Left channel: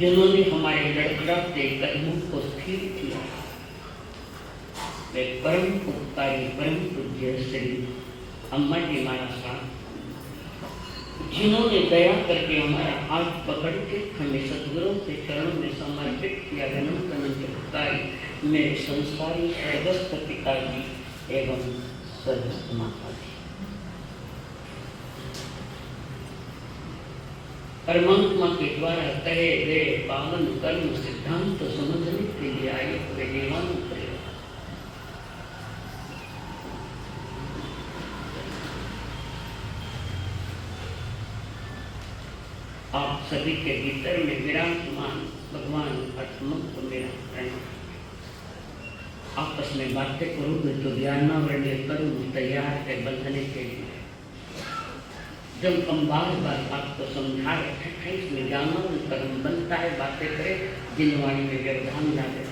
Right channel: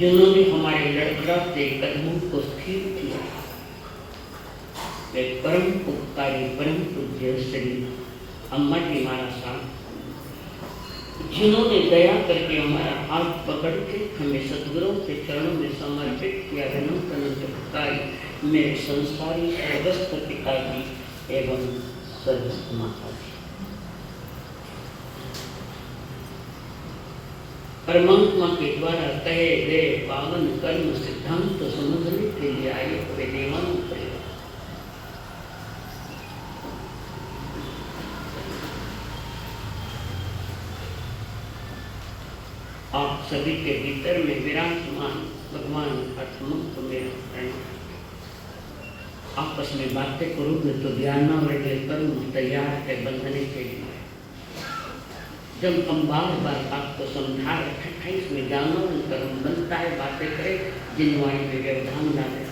जिन्होंने हमारे लड़खड़ाते कदमों को स्थिर किया, वे परम उपकारी परम पूज्य श्री अम्मा जी महाराज साहब, जिन्होंने दया करके हमारा हाथ पकड़ के हमें सदगुरुओं के चरणों में समर्पित किया। अनंत अनंत उपकारी मेरे संस्कारी सर्वस्व पिताजी एवं सर्व माता जी। परमात्मा के द्वारा कहे गए पावन कर्म सिद्धांत समझने के लिए आए हुए देवान आप सभी के भीतर में विराजमान भगवान आत्मक मेरा प्रणव। आपस में बातें करोगे तो ध्यानावरण करूँ तैयार है बंधने के लिए। जब हम बार बार आपको समझा रहे हैं इसमें ज्ञानावरण कर्म बनता है, बातें करें जिनवाणी में व्यवधान डाले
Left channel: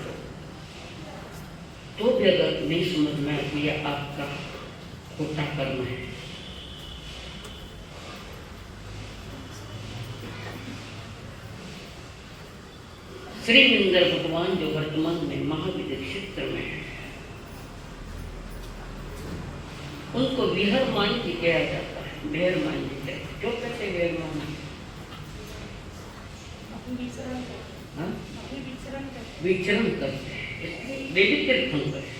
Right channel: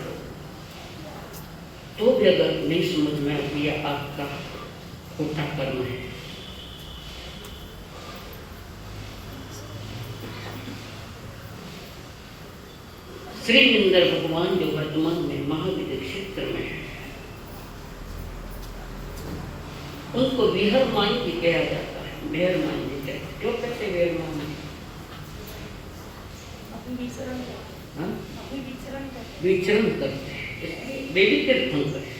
तो भी अगर नहीं समझ में आती आपका खोटा कर्म है। श्री इंद्र भगवान जो वर्तमान में महाविद्य क्षेत्र में है, उनको विहर माई भी कहा जाता है। विहर माई भी कहते, क्यों कहते विहर माई? विचरण करते हैं, इसलिए वे भी तीर्थन करें,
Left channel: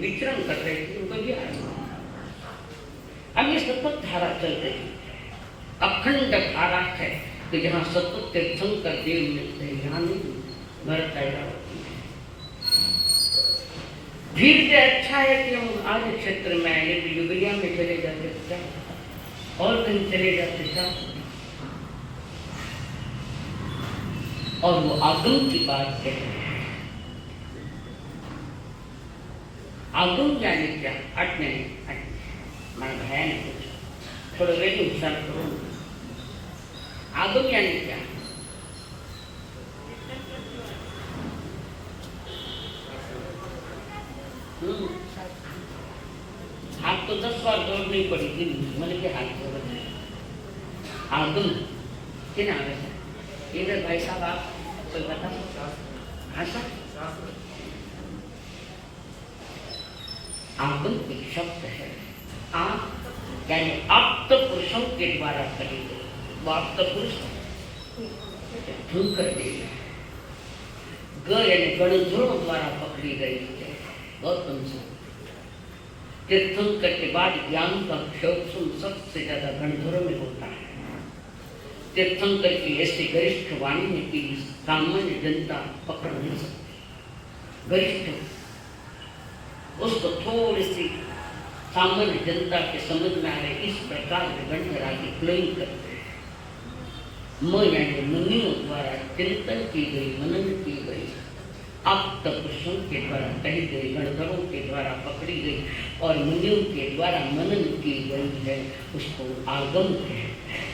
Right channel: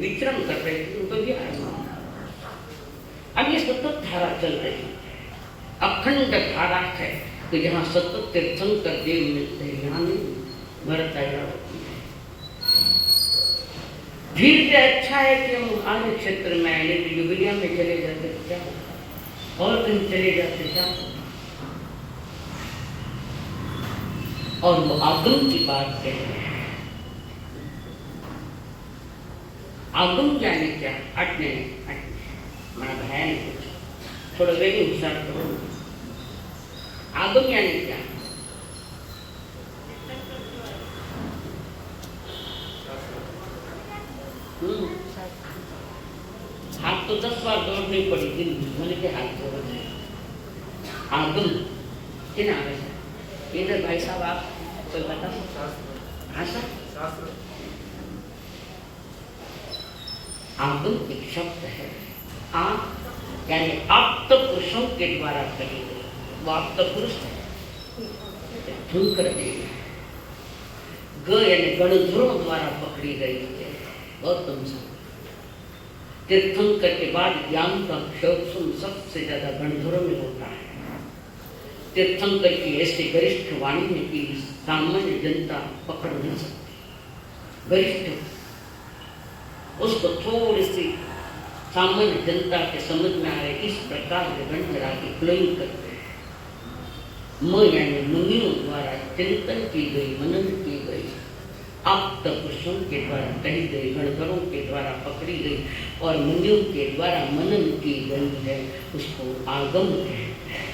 विचरण कर रहे थे उनको भी आया। अब ये सतत धारा चल रही है, अखंड धारा है कि जहाँ सतत तीर्थन कर देव मिलते हैं, यहाँ नहीं भरत आया। धीरे से अच्छा है कि हम आज क्षेत्र में आए, लेकिन युगलिया में चले जाते तो क्या, और कहीं चले जाते क्या। और वो आगम की बात है। आगम जाने क्या हटने मन है नहीं कुछ, थोड़ा वे विचार करो। आगम यानी क्या? हाथ तो 10 बार दौड़नी पड़ी थी। मैंने क्या हाथ जोड़ आगम के नाम है इधर भाई साहब आप कोई बता भाषा आगम एक शब्द है। आप यानी आप्त पुरुषों के द्वारा करी गई वो आप्त पुरुष कर देगी। ग यानी गणधरों द्वारा पकड़ी गई है गौतम से। तीर्थंकर के बाद ज्ञान का क्षोभ सबसे ज्यादा गणधरों में होता है। तीर्थंकर की ऐसी गरिष्ठ वाणी है कि सामान्य जनता पकड़ नहीं सकती। गरिष्ठ उसको थोड़ी सी सामान्य जनता के समझ में आ रहे इस प्रकार के गणधरा की फ्लोइंग करते हैं। म यानी मुनियों द्वारा चिंतन की गई मनन की गई आप्त पुरुषों के द्वारा कही गई गणधरों के द्वारा पकड़ी गई और मुनियों के द्वारा मनन की गई है उसको आगम कहते हैं।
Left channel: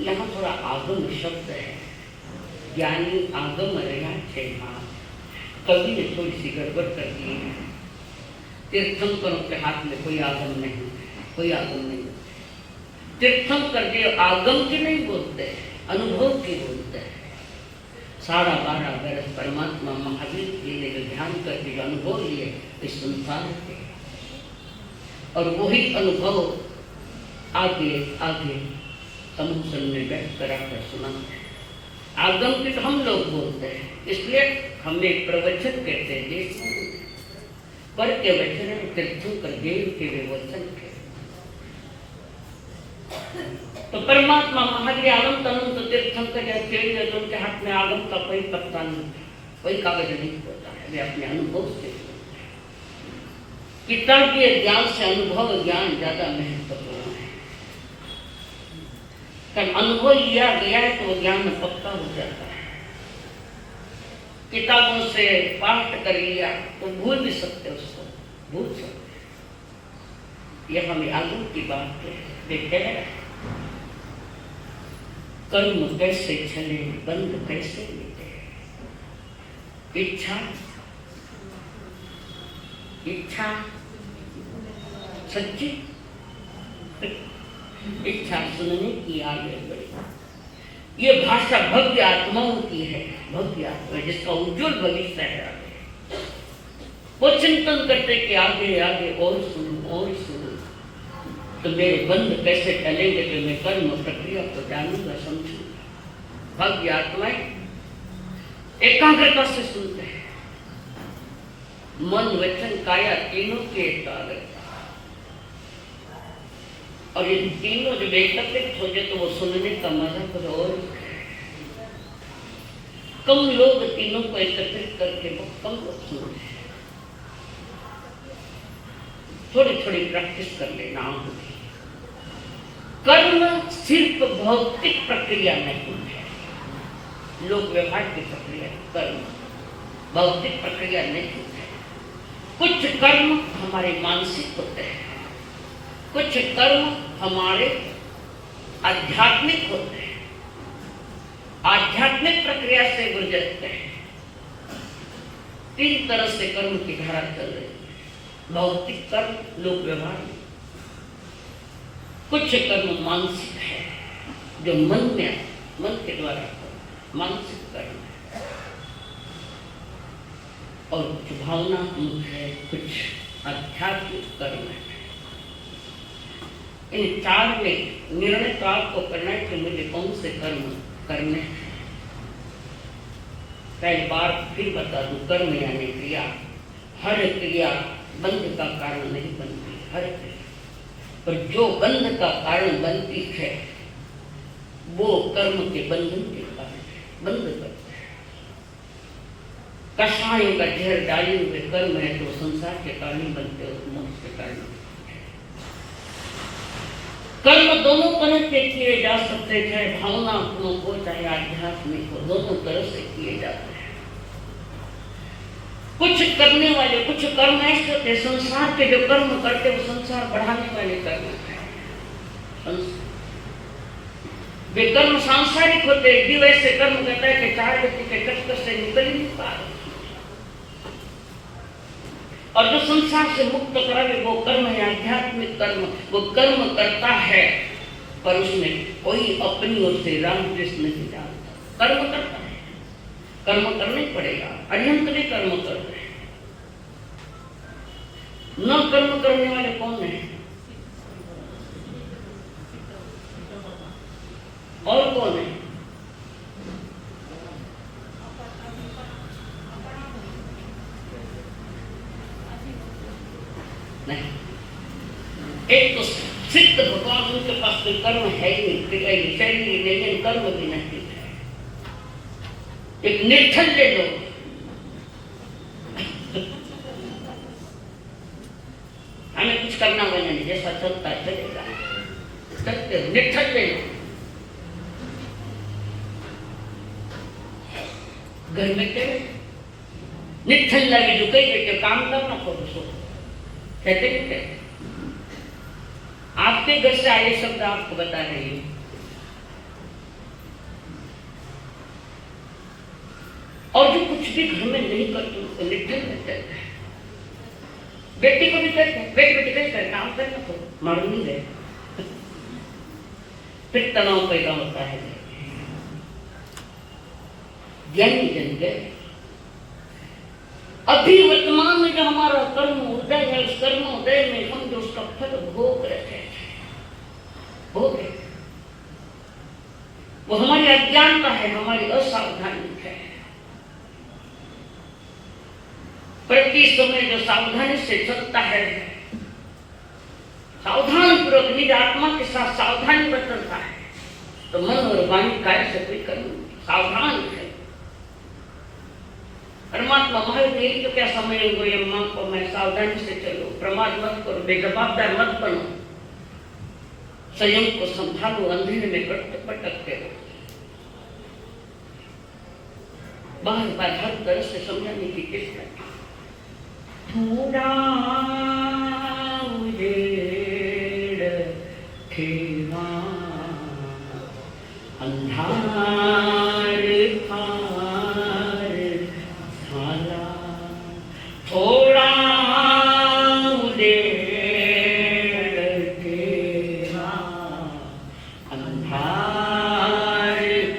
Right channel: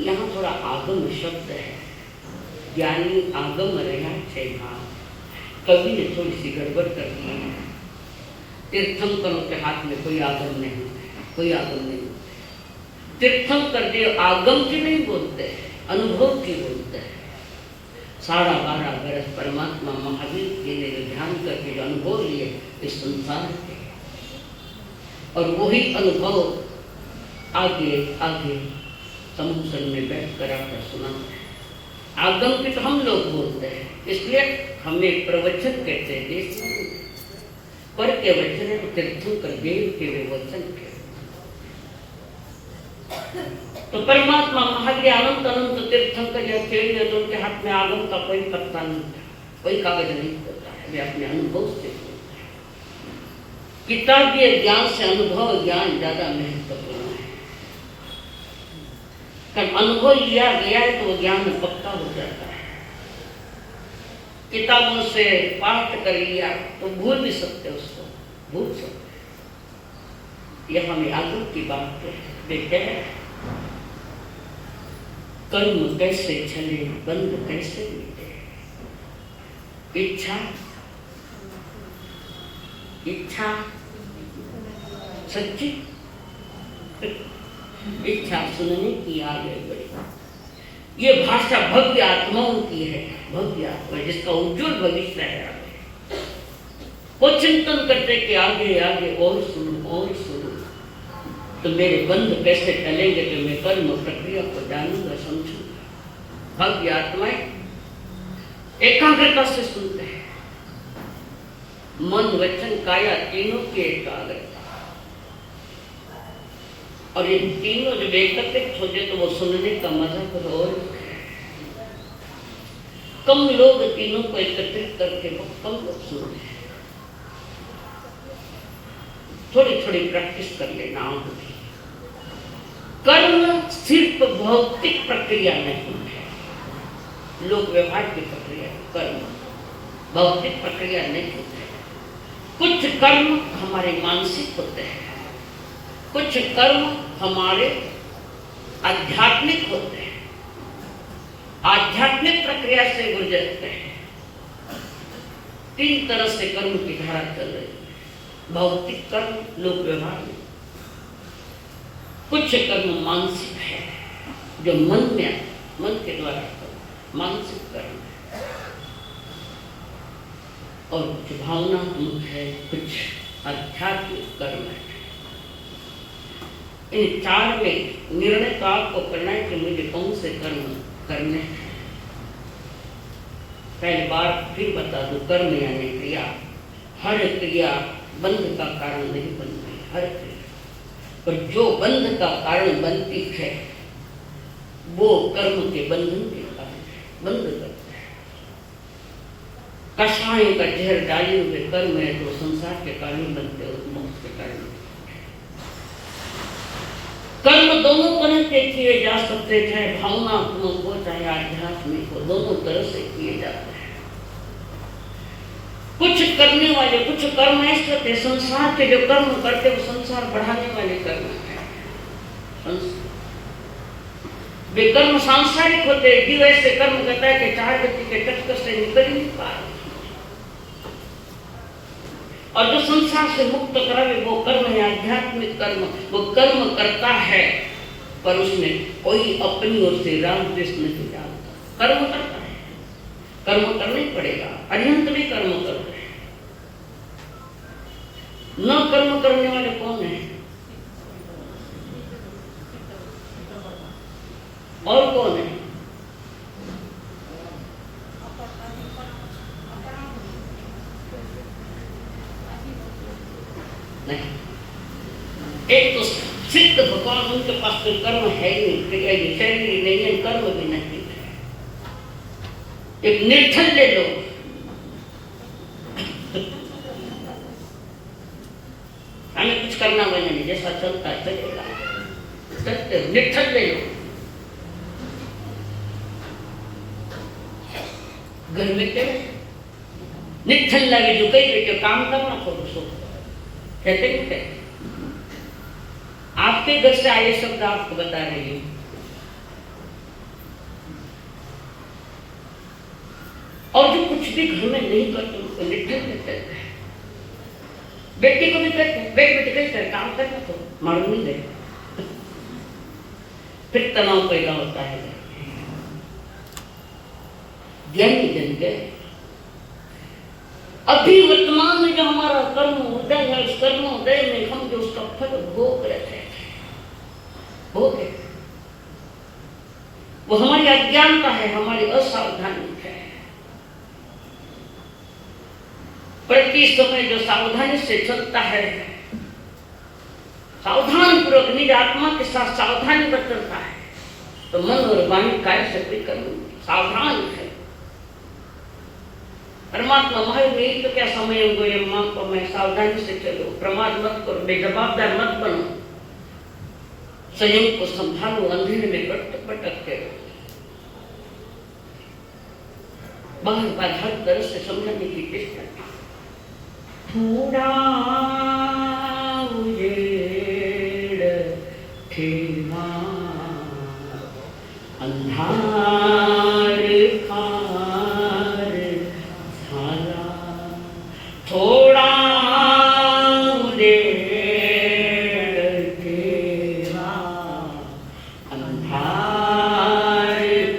यहाँ थोड़ा आगम शब्द है यानी आगम रहना चाहिए। कवि ने थोड़ी सी गड़बड़ कर दी है। तीर्थंकरों के हाथ में कोई आगम नहीं, कोई आगम नहीं। तीर्थंकर देव आगम की नहीं बोलते, अनुभव की बोलते हैं। 12.5 बरस परमात्मा महावीर जी ने जो ध्यान करके जो अनुभव लिए इस संसार के और वही अनुभव आगे आगे समुद्र में बैठ कर आकर सुना। आगम के तो हम लोग बोलते हैं, इसलिए हमें प्रवचन कहते हैं। पर के वचन है तीर्थंकर देव के वे वचन के। तो परमात्मा महावीर अनंत अनंत तीर्थंकर या खेल तो उनके हाथ में आगम का कोई पत्ता नहीं, कोई कागज नहीं होता है। वे अपने अनुभव से किताबीय ज्ञान से अनुभव ज्ञान ज्यादा महत्वपूर्ण है। कारण अनुभव लिया गया है तो ज्ञान पक्का हो जाता है। किताबों से पाठ कर लिया तो भूल भी सकते उसको, भूल सकते। यह हमें आगू की बात है। देखते हैं कर्म कैसे चले बंद कैसे मिटे। इच्छा इच्छा सच्ची इच्छा सुनने की आगे बढ़ी। ये भाषा भव्य आत्माओं की है, भव्य आत्मा जिसका उज्जवल भविष्य है। वो चिंतन करते कि आगे आगे और सुनो तो मेरे बंध कैसे टलेंगे तो मैं कर्म प्रक्रिया को जानूंगा समझूंगा। भव्य आत्माएं एकाग्रता से सुनते हैं। मन वचन काया तीनों की एकाग्रता और ये तीनों जब एकत्रित हो जाए तो वो सुनने का मजा तो और कम लोग तीनों को एकत्रित करके वो कम लोग सुनते हैं। थोड़ी थोड़ी प्रैक्टिस कर लेना होगी। कर्म सिर्फ भौतिक प्रक्रिया नहीं है, लोक व्यवहार की प्रक्रिया। कर्म भौतिक प्रक्रिया नहीं होती। कुछ कर्म हमारे मानसिक होते हैं, कुछ कर्म हमारे आध्यात्मिक होते हैं, आध्यात्मिक प्रक्रिया से गुजरते हैं। 3 तरह से कर्म की धारा चल रही है। भौतिक कर्म लोक व्यवहार में, कुछ कर्म मानसिक है जो मन के द्वारा मानसिक कर्म है, और कुछ भावनात्मक है, कुछ आध्यात्मिक कर्म है। इन 4 में निर्णय तो आपको करना है कि मुझे कौन से कर्म करने। पहली बार फिर बता दूं, कर्म यानी क्रिया। हर क्रिया बंध का कारण नहीं बनती, हर क्रिया पर जो बंध का कारण बनती है वो कर्म के बंधन के कारण बंध करते हैं। कषाय का जहर डाले हुए कर्म है तो संसार के कारण बनते और मोक्ष के कारण। कर्म दोनों तरह के किए जा सकते, चाहे भावनात्मक हो चाहे आध्यात्मिक हो, दोनों तरह से किए जाते हैं। कुछ करने वाले कुछ कर्म ऐसे होते, संसार के जो कर्म करते वो संसार बढ़ाने वाले कर्म है। वे कर्म सांसारिक होते, जीव ऐसे कर्म करता है कि 4 व्यक्ति के कष्ट से निकल नहीं पा रहे। और जो संसार से मुक्त करावे वो कर्म है, आध्यात्मिक कर्म। वो कर्म करता है पर उसमें कोई अपनी ओर से राम कृष्ण नहीं डालता। कर्म करता है, कर्म करना ही पड़ेगा। अरिहंत भी कर्म कर रहे हैं। न कर्म करने वाले कौन है? और कौन है? नहीं, एक तो सिद्ध भगवान, उनके पास कोई कर्म है ही नहीं, शरीर नहीं है, कर्म भी नहीं है। एक निर्धल्य लोग, हमें कुछ करना बने नहीं, जैसा चलता है चलेगा, सत्य निर्धल्य लोग। घर में क्या निर्धल्य भी जो कई बेटे काम करना करो सो कहते क्या? आपके घर से आए शब्द आपको बता रही हूं। और जो कुछ भी घर में नहीं करते उसको निर्धल कहते हैं। बेटी को भी कहते हैं, बेटी बेटी कैसे काम करने को मालूम नहीं है, फिर तनाव पैदा होता है। ज्ञानी जन गए। अभी वर्तमान में जो हमारा कर्म उदय है, उस कर्म उदय में हम जो उसका फल भोग रहे थे, भोग है वो हमारी अज्ञानता है, हमारी असावधानी है। प्रति समय जो सावधानी से चलता है, सावधानी पूर्वक निज आत्मा के साथ सावधानी बरतता है, तो मन और वाणी काय से कोई कर्म सावधान है। परमात्मा महावीर यही तो क्या समय हो गई अम्मा को, मैं सावधानी से चलो, प्रमाद मत करो, बेजवाबदार मत बनो, संयम को संभालो, अंधेरे में भटकते रहो। बाहर बार हर तरह से समझने की चेष्टा। थोड़ा उजेड़ खेमा अंधार खार झाला, थोड़ा उजेड़ खेमा अंधार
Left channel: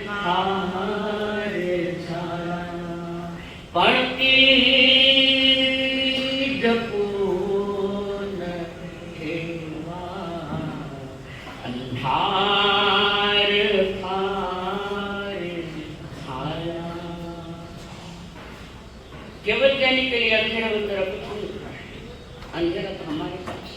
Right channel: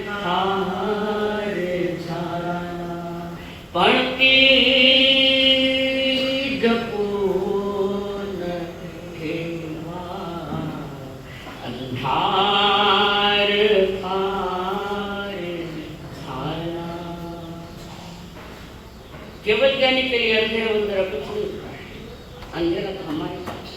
खार झाला, पणती जपून ठेवा अंधार खार झाला। केवल ज्ञानी के लिए अंधेरा बंधेरा कुछ नहीं, अंधेरा तो हमारे पास है।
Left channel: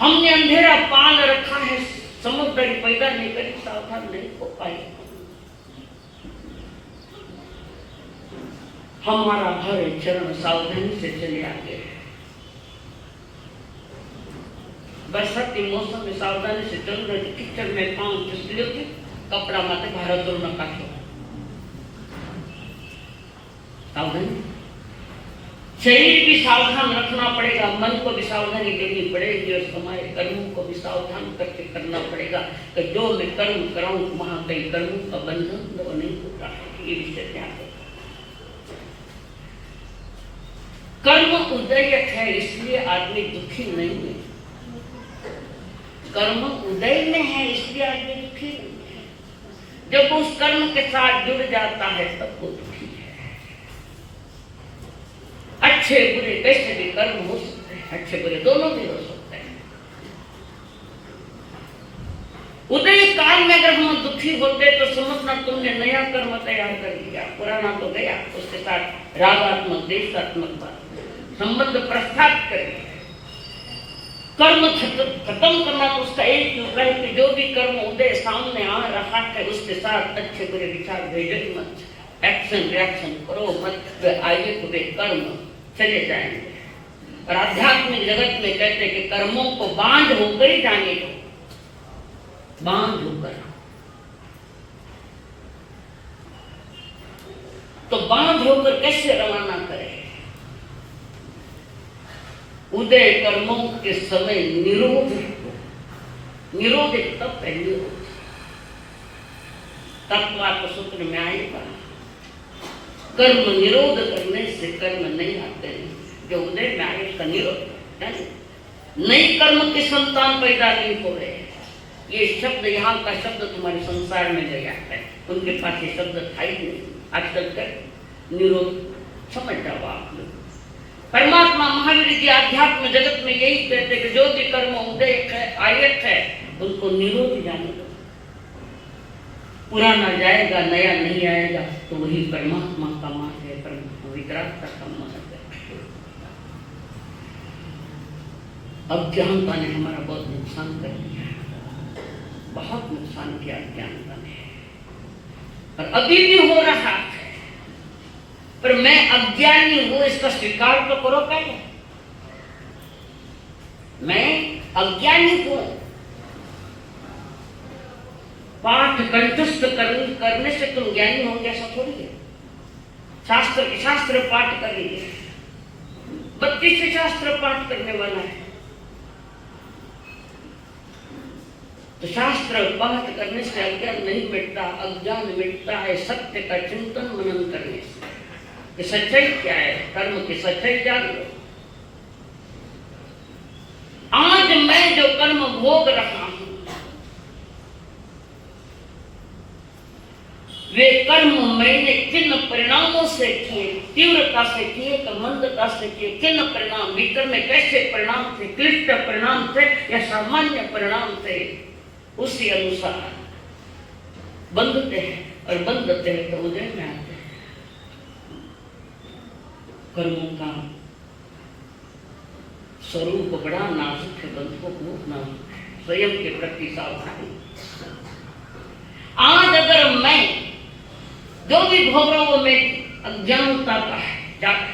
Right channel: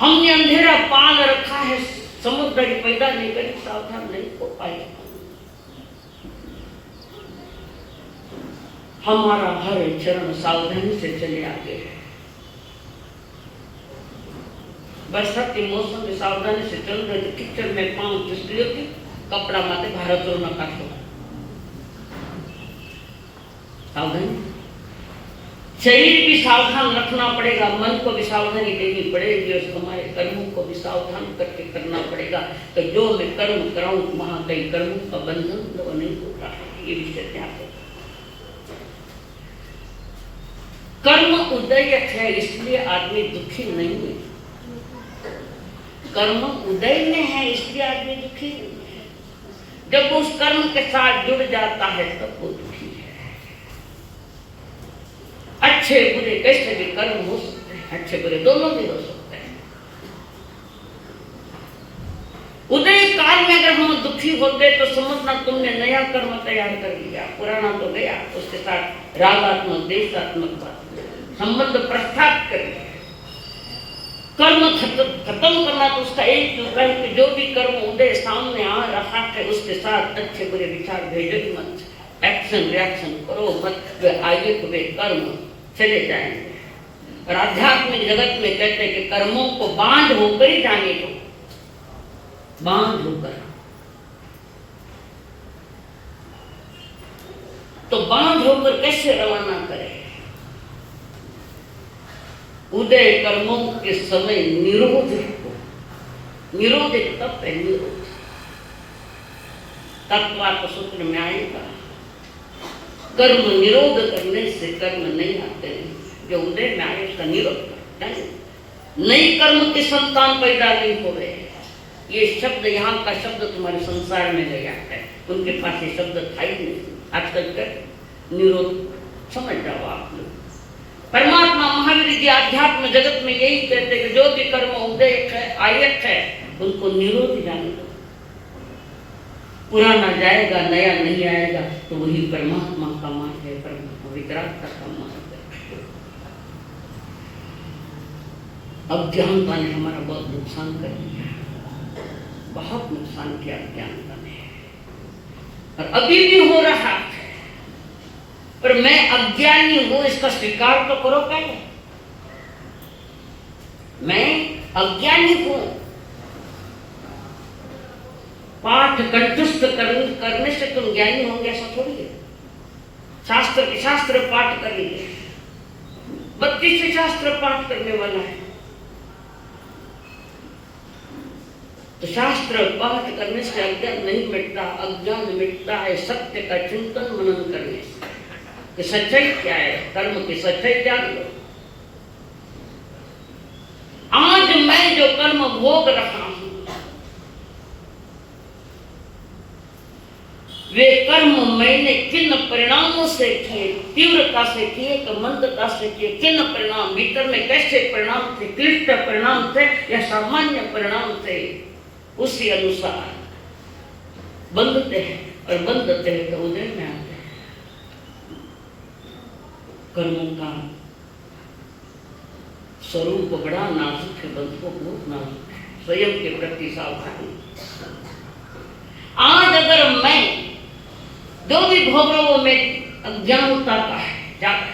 हमने अंधेरा पाल रखा है, समुद्र पैदा नहीं करी, सावधान नहीं हो पाए। हमारा हर चरण सावधानी से चले आते हैं। बरसात के मौसम में सावधानी से चल रहे, कीचड़ में पांव फिसले होती, कपड़ा माथे भारत और न काटो। सावधानी, शरीर भी सावधान रखना पड़ेगा, मन को भी सावधानी देनी पड़ेगी, और हमारे कर्मों को भी सावधान करके करना पड़ेगा कि जो मैं कर्म कराऊं वहां कई कर्मों का बंधन तो नहीं होता। ये विषय ध्यान रखो। कर्म उदय है इसलिए आदमी दुखी नहीं है, कर्म उदय में है इसलिए आदमी दुखी नहीं है। जब उस कर्म के साथ जुड़ जाता है तब वो दुखी है। अच्छे बुरे कैसे भी कर्म हो सकते हैं, अच्छे बुरे दोनों भी हो सकते हैं। उदय काल में अगर हम दुखी होते तो समझना तुमने नया कर्म तैयार कर लिया, पुराना तो गया, उसके साथ रागात्मक देशात्मक संबंध प्रस्थापित कर लिया। कर्म खत्म करना तो उसका एक उपाय है कि जो भी कर्म उदय सामने आ रहा है उसके साथ अच्छे बुरे विचार भेजो मत, एक्शन रिएक्शन करो मत, वे आगे वे कर्म चले जाएंगे। और आध्यात्मिक जगत में कहते हैं कि कर्मों को बांध होकर ही जाने दो, बांध होकर। तो बांध होकर कैसे रवाना करें? उदय कर्मों के समय निरोध, निरोध एक तत्व है, निरोध तत्व आपको सूत्र में आएगा। कर्म निरोध करने से कर्म नहीं आते हैं। जो उदय में आए उसका निरोध है। नई कर्म की संतान पैदा नहीं हो रहे। ये शब्द, यहाँ का शब्द तुम्हारे संसार में गया है, उनके पास ये शब्द था ही नहीं। आजकल का निरोध समझ जाओ आप लोग। परमात्मा महावीर जी आध्यात्म जगत में यही कहते कि जो भी कर्म उदय है, आयत है, उनको निरोध जाने दो। पुराना जाएगा, नया नहीं आएगा, तो वही परमात्मा का मार्ग है, परमात्मा विकरांत का मार्ग है। अज्ञानता ने हमारा बहुत नुकसान कर दिया, बहुत नुकसान किया अज्ञानता ने, और अभी भी हो रहा है। पर मैं अज्ञानी हूं इसका स्वीकार तो करो पहले। मैं अज्ञानी हूं। पाठ कंठस्थ करने से तुम ज्ञानी होंगे ऐसा थोड़ी है। शास्त्र पाठ करेंगे, 32 शास्त्र पाठ करने वाला है, तो शास्त्र पाठ करने से अज्ञान नहीं मिटता। अज्ञान मिटता है सत्य का चिंतन मनन करने से। कि सच्चाई क्या है, कर्म की सच्चाई जान लो। आज मैं जो कर्म भोग रहा हूं, वे कर्म मैंने किन परिणामों से किए, तीव्रता से किए तो मंदता से किए, किन परिणाम, भीतर में कैसे परिणाम थे, क्लिष्ट परिणाम थे या सामान्य परिणाम थे, उसी अनुसार बंधते हैं और बंधते हैं तो उदय में आते हैं। कर्मों का स्वरूप बड़ा नाजुक है बंधुओं, बहुत नाजुक है। स्वयं के प्रति सावधानी। आज अगर मैं जो भी भोगों में अज्ञानता का है,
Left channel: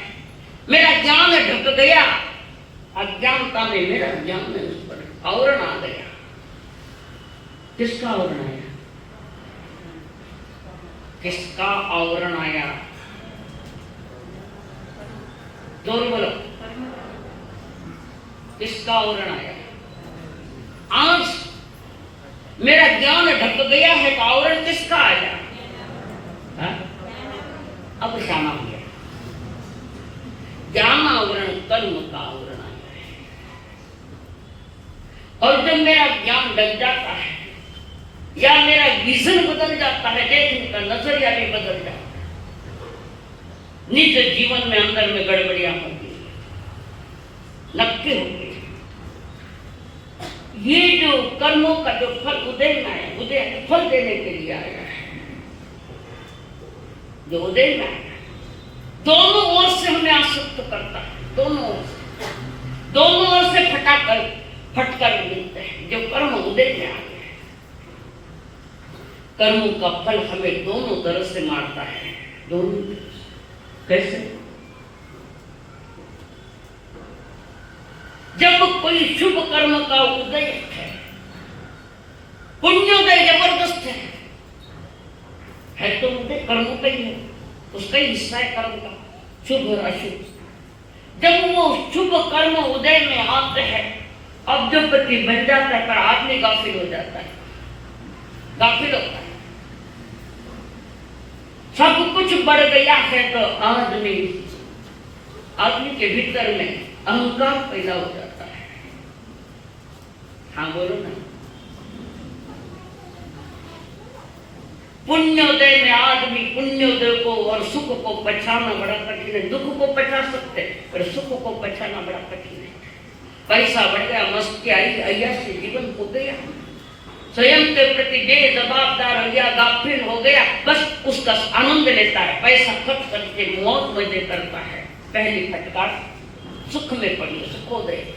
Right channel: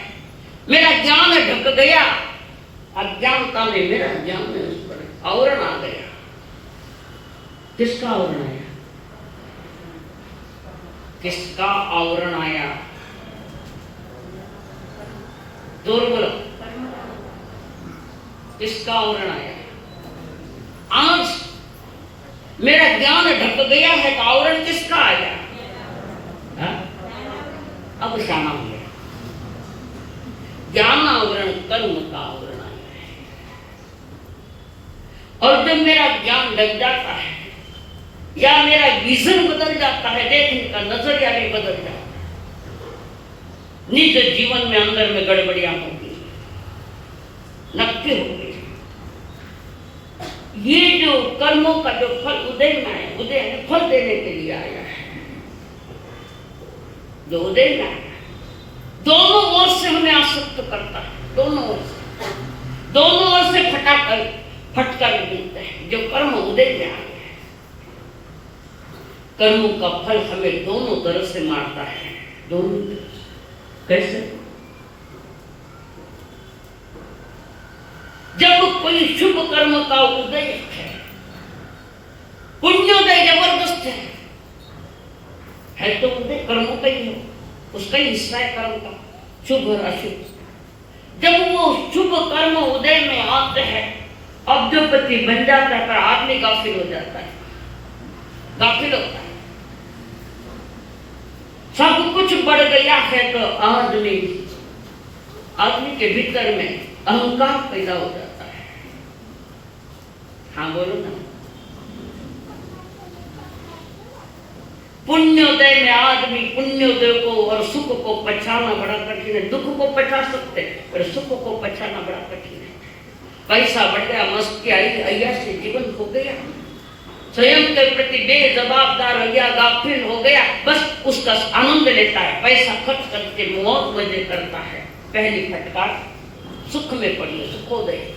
मेरा ज्ञान ढक गया, अज्ञानता में मेरा ज्ञान उस पर आवरण आ गया। किसका आवरण आया? किसका आवरण आया? जोर बोलो, किसका आवरण आया? आज मेरा ज्ञान ढक गया है तो आवरण किसका आया? अब जाना हो गया। ज्ञान आवरण कर्म का आवरण आया है। और जब मेरा ज्ञान ढक जाता है या मेरा विजन बदल जाता है, देखने का नजरिया भी बदल जाता है, निज जीवन में अंदर में गड़बड़ियां होती है, नक्की हो गई। ये जो कर्मों का जो फल उदय में है, उदय फल देने के लिए आया है, जो उदय में आया, दोनों ओर से हमें आसक्त करता है, दोनों ओर से फटकर मिलते हैं। जो कर्म उदय में आया है, कर्मों का फल हमें दोनों तरह से मारता है। दोनों कैसे? जब कोई शुभ कर्म का उदय है, पुण्योदय जबरदस्त है तो उदय कर्मों का ही है, उसका ही हिस्सा है कर्म का, शुभ और अशुभ। जब वो शुभ कर्म उदय में आते हैं, अब्जोपति बन जाता है, पर आदमी गाफिल हो जाता है, गाफिल होता है। सब कुछ बढ़ गया है तो आदमी के भीतर में अहंकार पैदा हो जाता है। हाँ बोलो ना। पुण्योदय में आदमी पुण्योदय को और सुख को पछाना बड़ा कठिन है। दुख को पछा सकते पर सुख को पछाना बड़ा कठिन है। पैसा बढ़ गया, मस्ती आई, अय्याशी जीवन हो गया, स्वयं के प्रति बेजवाबदार हो गया, गाफिल हो गया, बस उसका आनंद लेता है, पैसा खर्च करके मौत मजे करता है। पहली फटकार सुख में पड़ी, सुखोदय।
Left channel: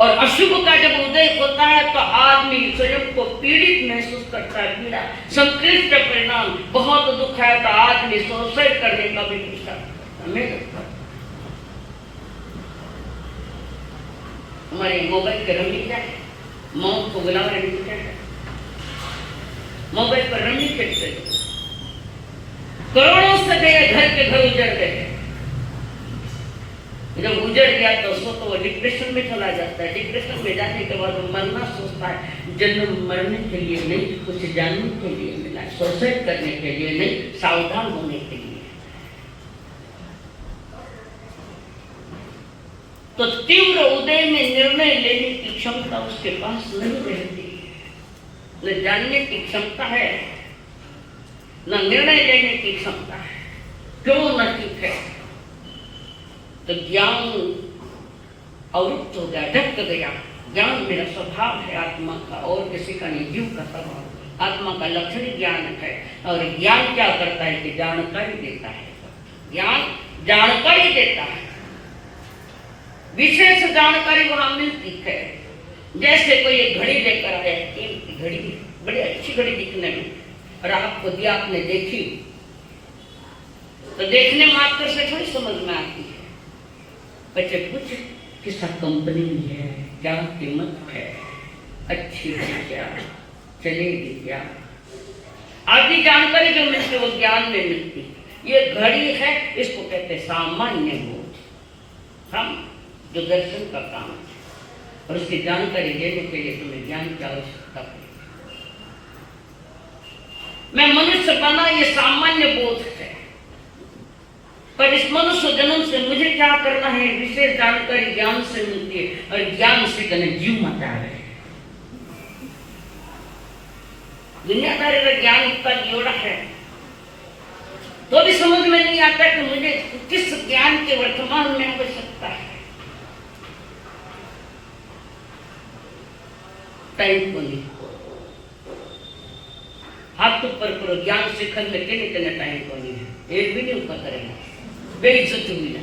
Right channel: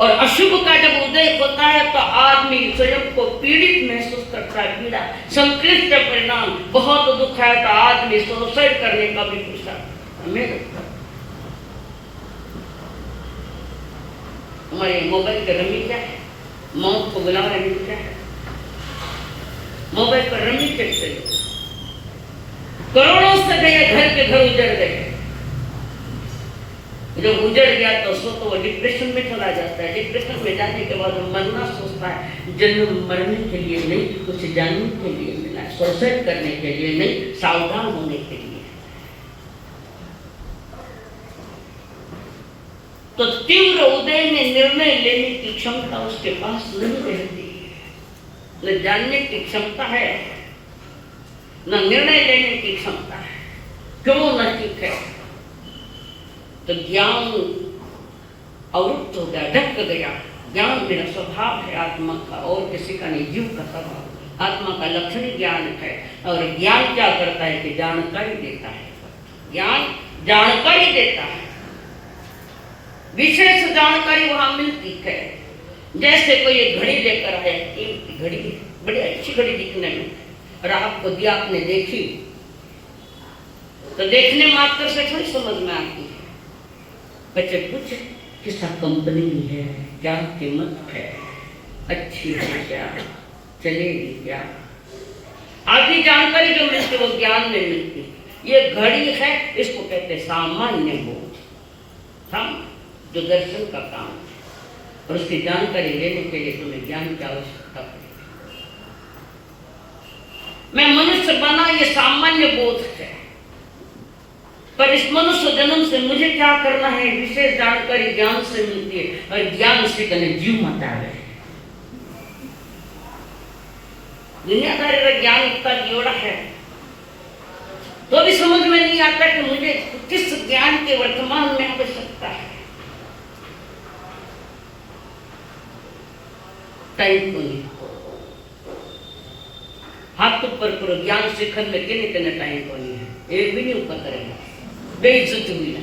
और अशुभ का जब उदय होता है तो आदमी स्वयं को पीड़ित महसूस करता है, पीड़ा, संक्लिष्ट परिणाम, बहुत दुख है तो आदमी सुसाइड करने का भी सोचता। हमारे मोबाइल के रमी क्या है? मौत को बुलावा रमी क्या है? मोबाइल पर रमी चढ़ गई, करोड़ों से गए, घर के घर उजड़ गए। जब उजड़ गया तो वो डिप्रेशन में चला जाता है। डिप्रेशन में जाने के बाद वो मरना सोचता है। जन्म मरने के लिए नहीं, कुछ जानने के लिए मिला, सुसाइड करने के लिए नहीं, सावधान होने के लिए। तो तीव्र उदय में निर्णय लेने की क्षमता उसके पास नहीं रहती। न जानने की क्षमता है, न निर्णय लेने की क्षमता है। क्यों न ठीक है? तो ज्ञान अवरुद्ध हो गया, ढक गया। ज्ञान मेरा स्वभाव है आत्मा का, और किसी का नहीं, जीव का स्वभाव। आत्मा का लक्षण ज्ञान है, और ज्ञान क्या करता है कि जानकारी देता है। ज्ञान जानकारी देता है, विशेष जानकारी वहां मिलती है। जैसे कोई एक घड़ी लेकर आया, कीमती की घड़ी, बड़ी अच्छी घड़ी दिखने में, और आपको दिया, आपने देखी, तो देखने मात्र से थोड़ी समझ में आती है। बच्चे पूछे किस कंपनी में है, क्या कीमत है, अच्छी है क्या, चलेगी क्या, आदि जानकारी जो मिलती है वो ज्ञान में मिलती है। ये घड़ी है, इसको कहते हैं सामान्य बोध, हम जो दर्शन का काम है। और उसकी जानकारी लेने के लिए तुम्हें ज्ञान की आवश्यकता पड़ेगी। मैं मनुष्य बना, ये सामान्य बोध है, पर इस मनुष्य जन्म से मुझे क्या करना है, विशेष जानकारी ज्ञान से मिलती है। और ज्ञान से कने जीव मत आवे। दुनियादारी का ज्ञान इतना जोड़ा है, तो भी समझ में नहीं आता कि मुझे किस ज्ञान के वर्तमान में आवश्यकता है। टाइम को नहीं, हाथ ऊपर करो, ज्ञान शिखर में किने टाइम को नहीं है, एक भी नहीं ऊपर करेगा, बेइज्जती हुई ना।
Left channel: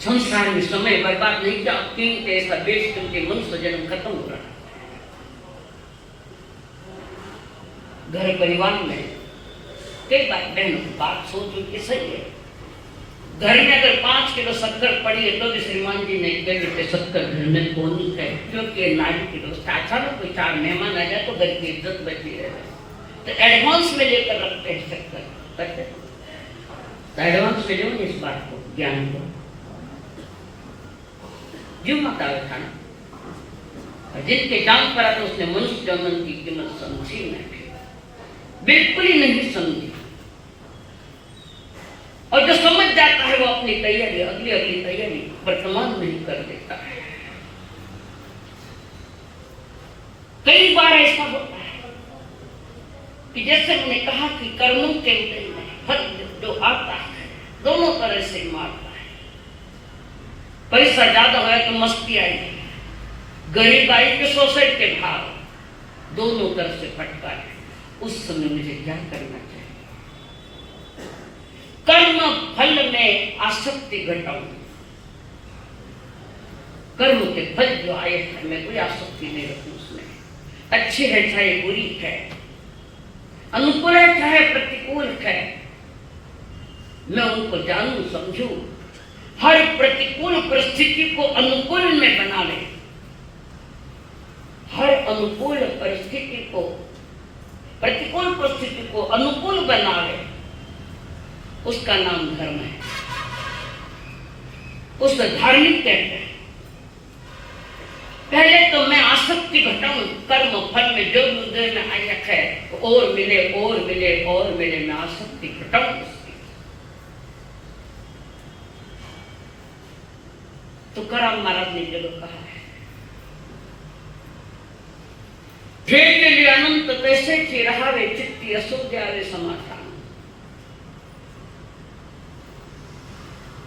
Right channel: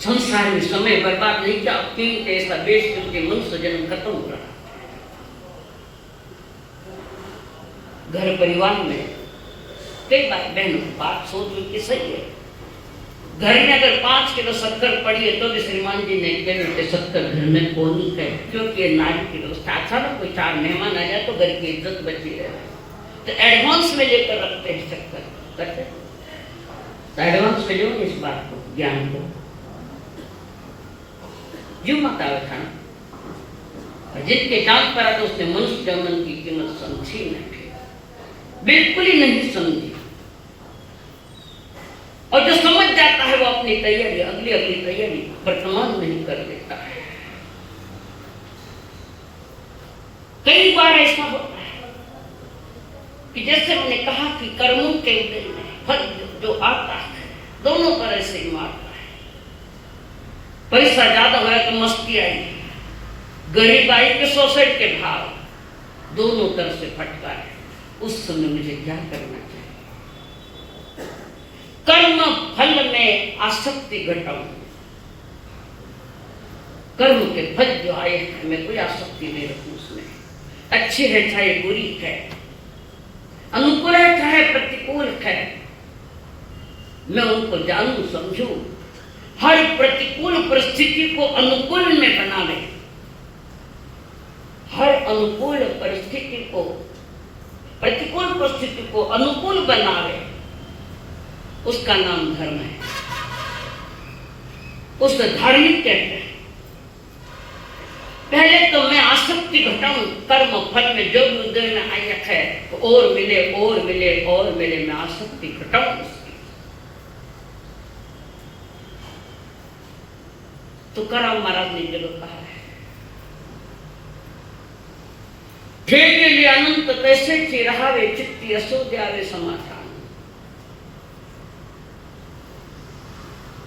संसार में समय बर्बाद नहीं किया, क्यों ऐसा बेच क्योंकि मनुष्य जन्म खत्म हो रहा। घर परिवार में कई बार बहनों बात सोच कि सही है। घर में अगर 5 किलो शक्कर पड़ी है तो भी श्रीमान जी ने कहे शक्कर घर में कौन है, क्योंकि नारी की व्यवस्था। अचानक कोई 4 मेहमान आ जाए तो घर की इज्जत बची रहे, तो एडवांस में लेकर रखते हैं शक्कर, करते तो एडवांस में लो इस बात को, ज्ञान को। जो मत आवे खाना, जिनके जान पर आते उसने मनुष्य जन्म की कीमत समझी नहीं, बिल्कुल ही नहीं समझी। और जो समझ जाता है वो अपनी तैयारी, अगली तैयारी वर्तमान नहीं कर देता है। कई बार ऐसा होता है कि जैसे मैंने कहा कि कर्मों के उदय में फल जो आता है दोनों तरह से मारता है। पैसा ज्यादा हुआ तो मस्ती आई, गरीब आई के सोसाइटी के भाव, दोनों तरफ से फटका है। उस समय मुझे क्या करना चाहिए? कर्म फल में आसक्ति घटाऊं, कर्म के फल जो आए हैं मैं कोई आसक्ति नहीं रखूं उसमें। अच्छी है चाहे बुरी है, अनुकूल है चाहे प्रतिकूल है, मैं उनको जानूं समझूं। हर प्रतिकूल परिस्थिति को अनुकूल में बनावे, हर अनुकूल परिस्थिति को, प्रतिकूल परिस्थिति को अनुकूल बनावे, उसका नाम धर्म है, उसे धार्मिक कहते हैं। पहले तो मैं आसक्ति घटाऊं कर्म फल में, जो उदय में आया है और मिले और मिले और मिले, मैं आसक्ति घटाऊं उसकी। तुकाराम महाराज ने जब कहा है, खेल लिए अनंत तैसे चिरहावे चित्ती असोद्यावे समाधान।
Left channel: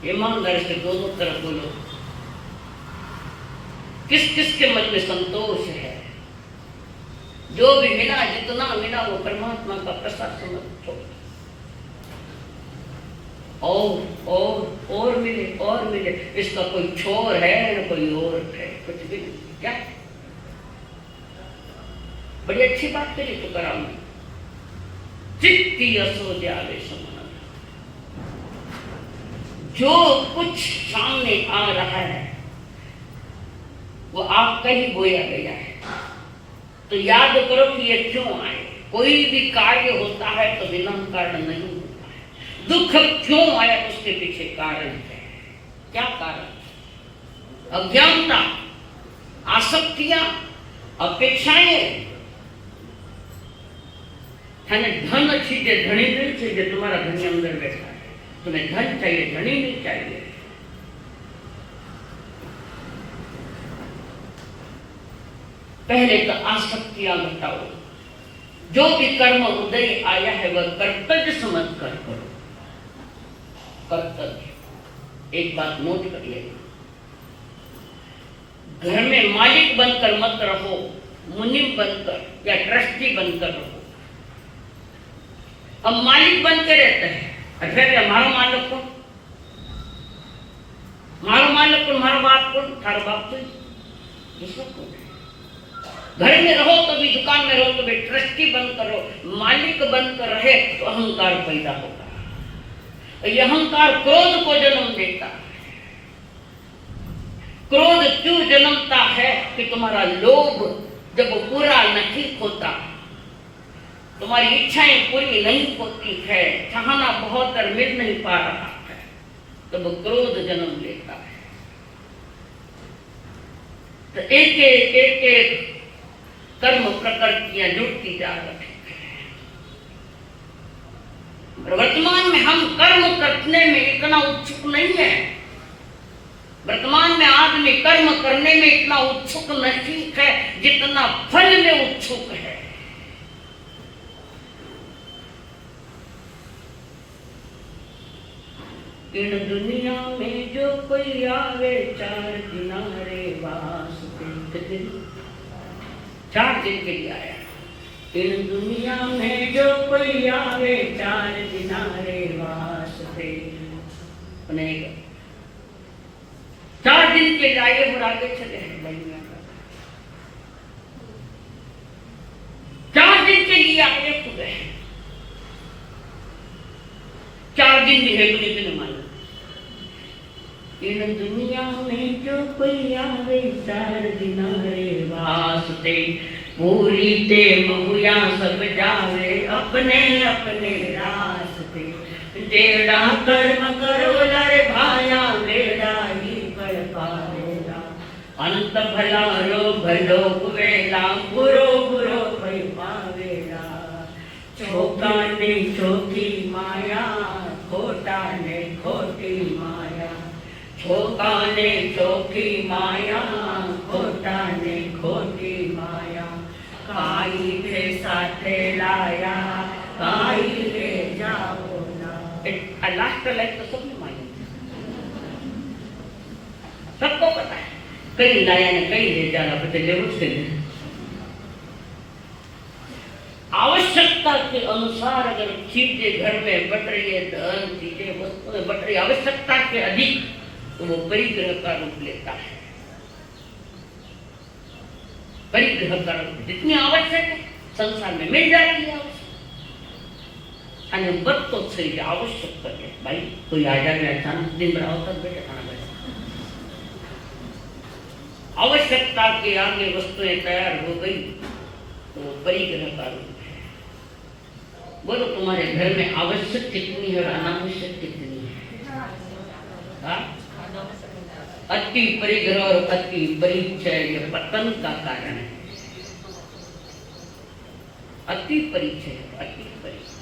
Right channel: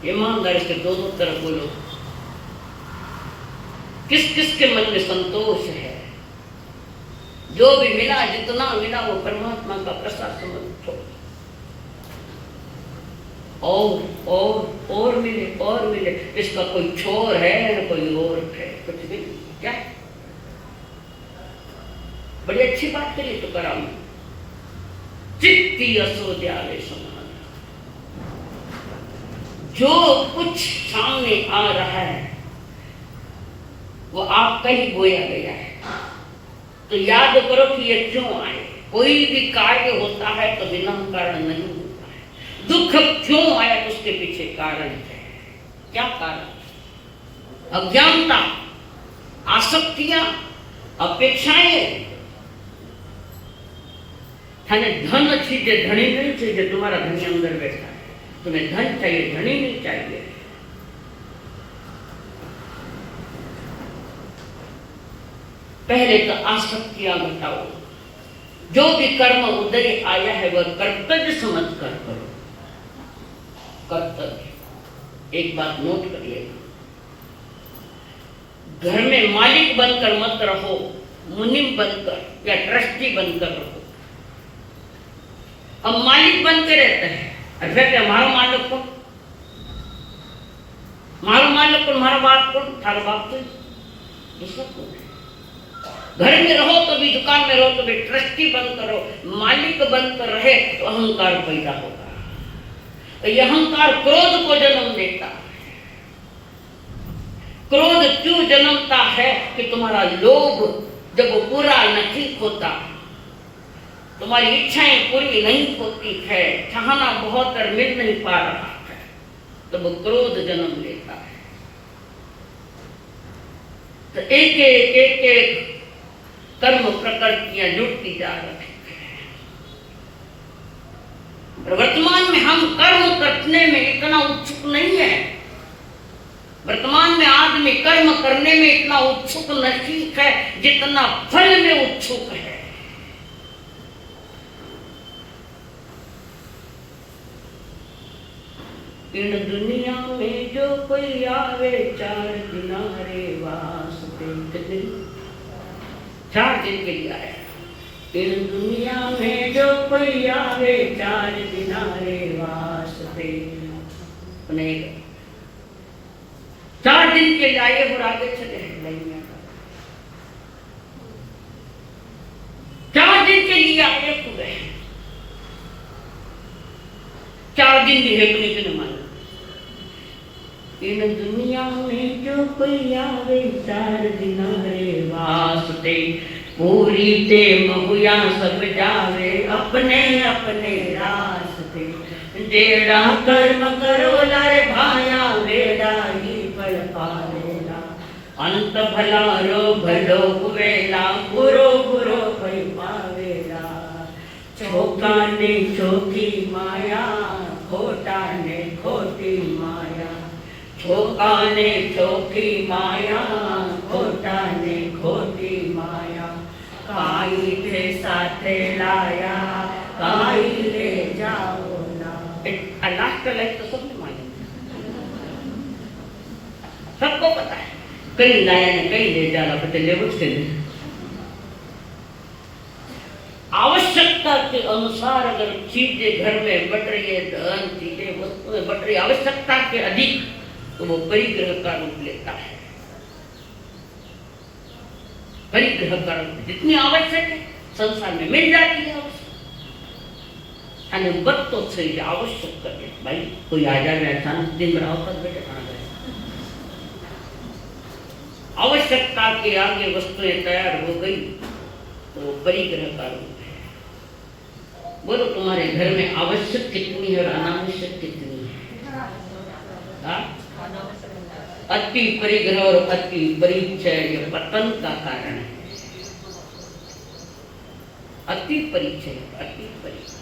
ईमानदारी से दोनों तरफ बोलो, किस किस के मन में संतोष है? जो भी मिला, जितना मिला वो परमात्मा का प्रसाद समझो। और मिले और मिले, इसका कोई छोर है न कोई और है, कुछ भी क्या। बड़ी अच्छी बात करी तो कराऊं, चित्ती असोद्यावे समाधान। जो कुछ सामने आ रहा है वो आपका ही बोया गया है, तो याद करो कि ये क्यों आए। कोई भी कार्य होता है तो बिना कारण नहीं होता है। दुख दुख क्यों आया, उसके पीछे कारण है। क्या कारण? अज्ञानता, आसक्तियां, अपेक्षाएं। थाने धन चाहिए, धनी नहीं चाहिए। तुम्हारा धनी अंदर बैठा है, तुम्हें धन चाहिए, धनी नहीं चाहिए। पहले तो आसक्तियां घटाओ। जो भी कर्म उदय आया है वह कर्तव्य समझ कर करो। कर्तव्य, एक बात नोट करिए, घर में मालिक बनकर मत रहो, मुनिम बनकर या ट्रस्टी बनकर रहो। अब मालिक बन के रहते हैं, अरे मारो मालिक को, मारो मालिक को, मारो बाप को, थारो बाप को, दूसरा कौन है? घर में रहो तो भी, दुकान में रहो तो भी ट्रस्टी बनकर रहो, मालिक बनकर रहे तो अहंकार पैदा होगा। यह अहंकार क्रोध को जन्म देता है। क्रोध क्यों जन्मता है कि तुम्हारा लोभ जब पूरा नहीं होता, तुम्हारी इच्छाएं पूरी नहीं होती है, चाहना बहुत और मिल नहीं पा रहा है, तब तो क्रोध जन्म लेता है। तो एक एक एक एक कर्म प्रकृतियां जुड़ती जा रही है। वर्तमान में हम कर्म करने में इतना उत्सुक नहीं है। वर्तमान में आदमी कर्म करने में इतना उत्सुक नहीं है जितना फल में उत्सुक है। इन दुनिया में जो कोई आवे, चार किनारे वास पे, 4 दिन के लिए आया। इन दुनिया में जो कोई आवे, 4 किनारे वास पे, 4 दिन के लिए आए और आगे चले हैं। 4 दिन के लिए आगे पूरे, 4 दिन भी है अपने के लिए। इन दुनिया में जो कोई आवे, 4 किनारे वास्ते, पूरी ते महुया सब जावे, अपने अपने रास्ते। जेड़ा कर्म करो लरे भाया, बेड़ा ही फल पावेला। अंत भला रो भलो हुवेला, बुरो बुरो भई पावेला। छोका ने छोकी माया, खोटा ने खोटी माया। छोका ने छोकी माया, खोटा ने खोटी माया। काई थे साथे लाया, काई ले जाओ ना। लास्ट का लाइफ तो सबने मालूम, सबको पता है। कहीं लाया ने कहीं ले जा रहा था, ले उसके लिए आवश्यकता के अनुसार अगर चीजें घर में बढ़ रही है, धन चीजें वस्तुएं बढ़ रही, आवश्यकता के अधिक, तो वो परिग्रह का रूप लेता है। परिग्रह का रूप जितनी आवश्यक है संसार में मिल जाती है। बद तो सही आवश्यक करके भाई कोई आ जाए अचानक दिन रहा आवश्यकता के आगे वस्तुएं तैयार हो गई तो परिग्रह का रूप है। बोलो तुम्हारे घर में आवश्यक कितनी है और अनावश्यक कितनी है? अति परिग्रह और अति परिचय पतन का कारण है। अति परिचय, अति परिचय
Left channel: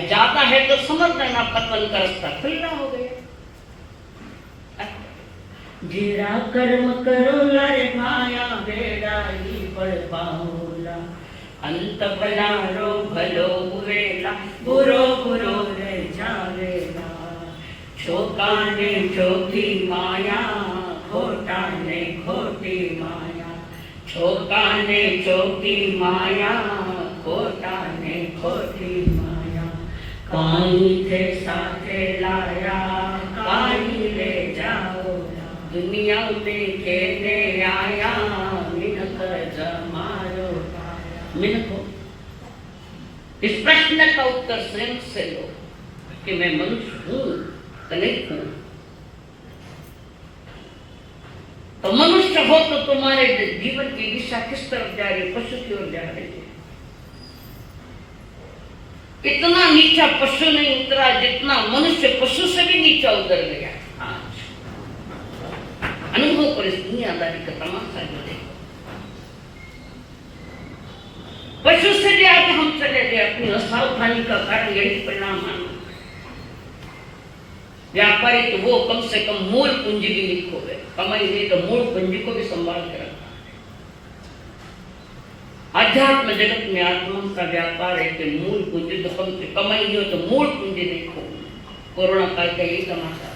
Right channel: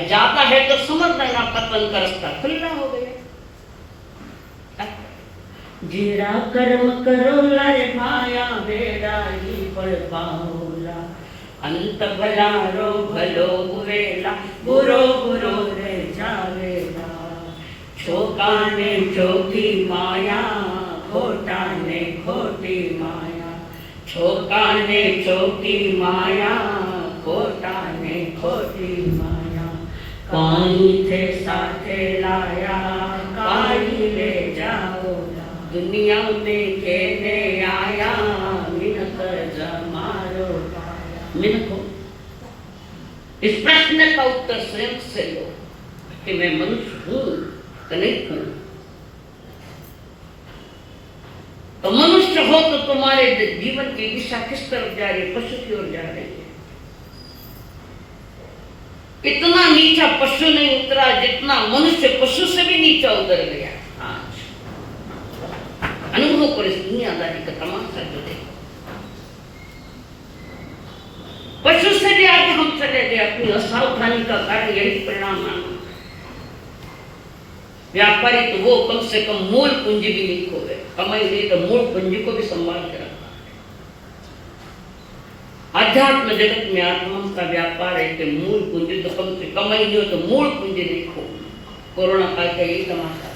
ज्यादा है तो समझ लेना पतन का रास्ता खुला हो गया। जीरा कर्म करो लरे माया, बेड़ा ही फल पाओला। अंत भला रो भलो हुवेला, बुरो बुरो रे जावेला। छोका ने छोकी माया, खोटा ने खोटी माया। छोका ने छोकी माया, खोटा ने खोटी माया। काई थे साथे लाया, काई ले जाओ। दुनिया में खेने आया, मिनक जमारो। मिनक हो, इस प्रश्न का उत्तर स्वयं से लो कि मैं मनुष्य हूं नहीं हूं। तो मनुष्य हो तो तुम्हारे जीवन की दिशा किस तरफ जा रही है? पशु की ओर जा रही है। इतना नीचा पशु नहीं उतरा जितना मनुष्य पशु से भी नीचा उतर गया। अनुभव पर इस दुनियादारी का तमाशा जो है, पशु से भी आगे हम चले गए। अपनी असावधानी का कारण यही परिणाम है। व्यापारी तो वो कम से कम मूल पूंजी भी नहीं खोए, कमाई नहीं तो मूल पूंजी को भी संभाल कर। अध्यात्म जगत में आत्मा का व्यापार है कि मूल पूंजी तो कम से कमाई नहीं हो तो मूल पूंजी नहीं खो। कोरोना काल का यही तमाशा।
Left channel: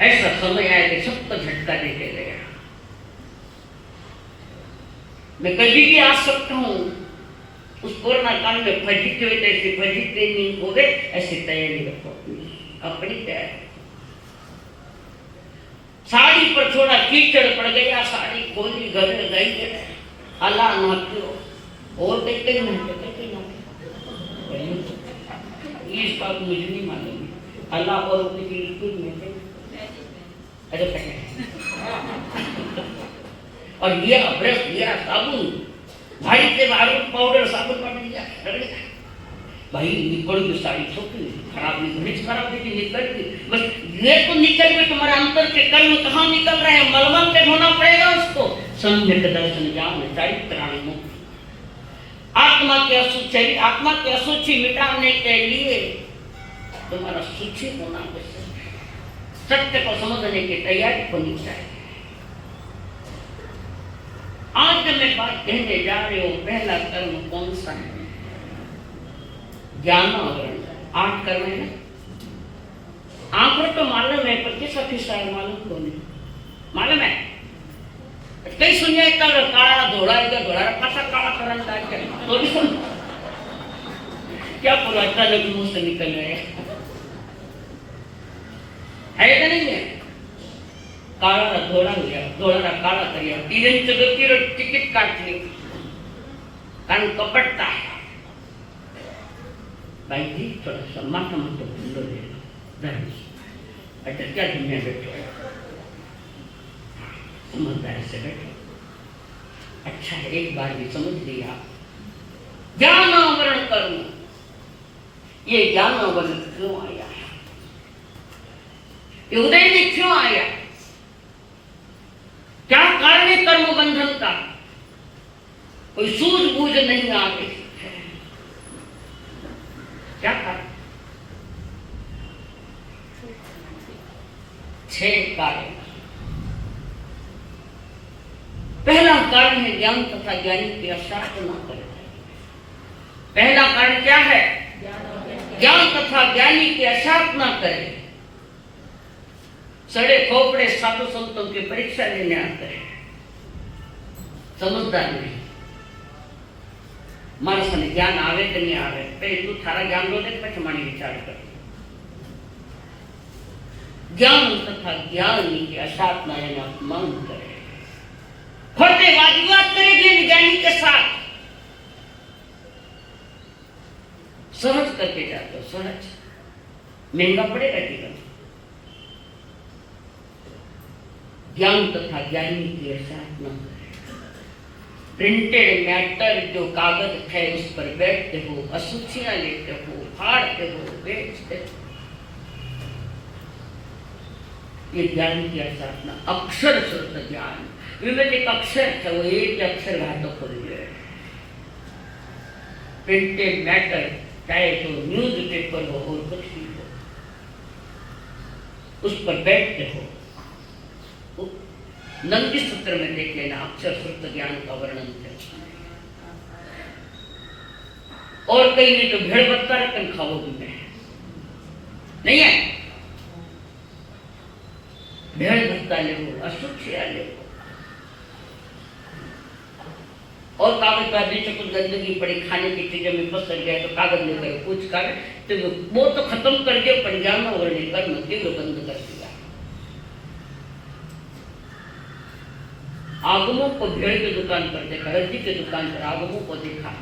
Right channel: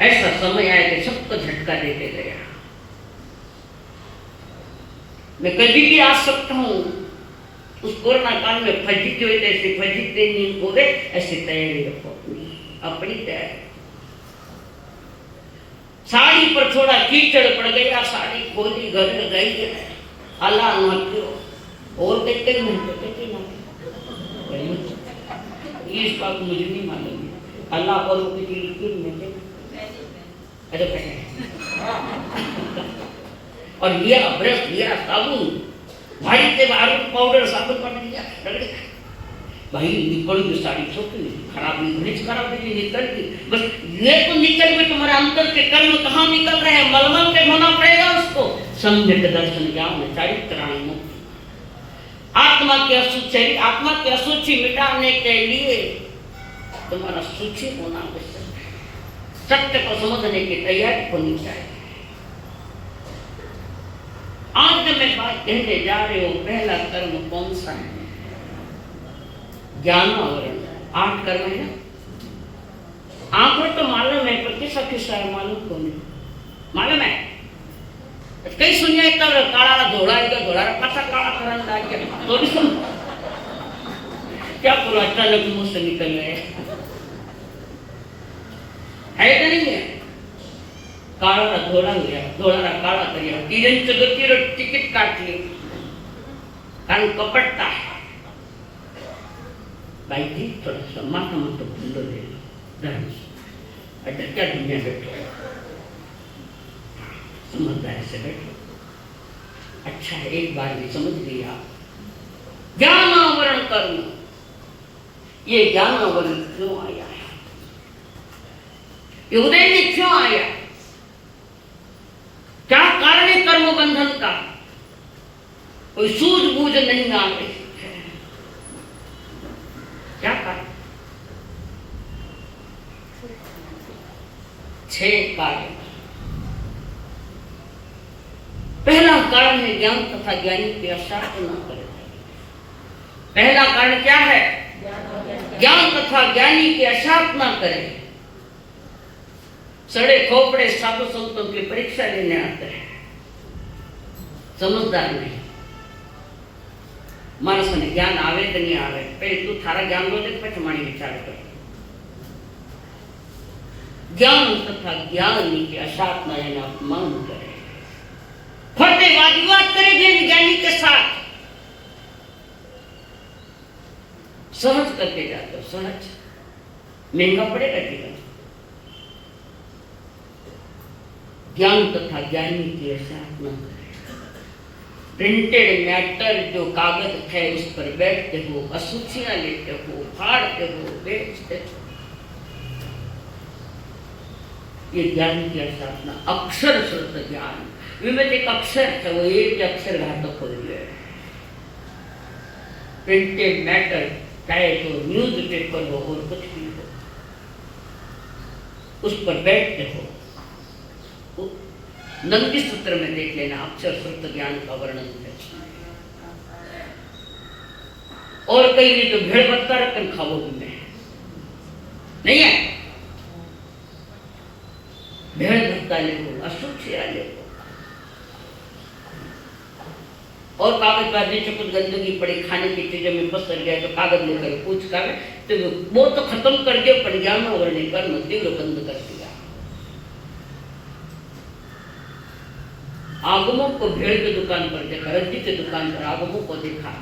ऐसा समय आया कि सबको झटका देके गया। मैं कभी भी आ सकता हूँ। उस कोरोना काल में फजीते हुए ऐसे फजीते नहीं हो गए, ऐसे तैयारी रखो अपनी तैयारी। साड़ी पर थोड़ा कीचड़ पड़ गया, साड़ी खोली, घर में गई, अल्लाह ना क्यों और कहते हैं इस बात मुझे नहीं मालूम। अल्लाह पर अरे और लिया ब्रश लिया साबुन, भाई के आरोप पाउडर साबुन कर दिया, भाई निकल गई साड़ी छोटी खराब नहीं, खराब नहीं निकल गई। बस ये तो निकल गई, तुम्हारे अंतर के कर्म कहाँ निकल रहे हैं? मलमल पे होना पड़ेगा उसको। सम्यक दर्शन ज्ञान चारित्राणि मुक्ति। आत्मा के अशुचि, आत्मा के अशुचि मिटाने के लिए तुम्हारा सूची होना आवश्यक है। सत्य को समझने की तैयारी होनी चाहिए। आज जो मैं बात कहने जा रही हूँ, पहला कर्म कौन सा है? ज्ञान आवरण। 8 कर्म है। आंखों तो मालूम है, प्रतिशत मालूम को नहीं मालूम है। कई सुनिए कल काला धोड़ा पासा काला करन लाग गया तो भी सुन क्या बोला, अचानक मुंह से निकल गए है कि नहीं है? काला धोड़ा हो गया, धोड़ा काला कर गया, तीरन चगतीर टिकट काट ली, कारण कपटता है। भाई जी थोड़ा सा माथा मत भूलो दे धर्म से। अच्छा क्या दुनिया बैठो, समझदारी से बैठो। अच्छा एक बार भी समझ लिया, ज्ञान आवरण कर्म। ये ज्ञान आवरण क्यों आया है? ये उदय में क्यों आया? क्या कारण है कर्म बंधन का? कोई सूझबूझ नहीं आ रही है। क्या कारण? 6 कारण। पहला कारण है ज्ञान तथा ज्ञानी की अशास्त्र न करे। पहला कारण क्या है? ज्ञान तथा ज्ञानी की अशास्त्र न करे। सड़े खोपड़े साधु संतों की परीक्षा लेने आते हैं, समझदार नहीं। मानस ने ज्ञान आवे कि नहीं आवे, पहले तू थारा ज्ञान दो दे, પછી મારી વિચાર કર। ज्ञान तथा ज्ञानी की अशास्त्र न अपमान करे, खोटे वाद विवाद करे ज्ञानी के साथ। सहज करके जाते हो, सहज महंगा पड़ेगा जीवन। ज्ञान तथा ज्ञानी की अशास्त्र न करे। प्रिंटेड मैटर जो कागज है उस पर बैठते हो, अशुचियां लेते हो, फाड़ते हो, बेचते हो, ये ज्ञान की अशास्त्र। अक्षर शुद्ध ज्ञान विवेक एक अक्षर है, वो एक अक्षर घातक हो गया। प्रिंटेड मैटर चाहे तो न्यूज पेपर हो और कुछ भी हो, उस पर बैठते हो। नंदी सूत्र में देख लेना, अक्षर शुद्ध ज्ञान का वर्णन है। और कहीं नहीं तो भेड़ बत्ता रखन खाओ भी नहीं है। भेड़ बत्ता ले लो, अशुचिया ले लो, और कागज पर नीचे कुछ गंदगी पड़ी, खाने की चीजों में फंस गया तो कागज लेकर कुछ कर तो वो तो खत्म कर दिया, पर ज्ञान वर्णन कर तीव्र बंद कर दिया। आगमों को भेड़ की दुकान पर देखा, रद्दी की दुकान पर आगमों को देखा।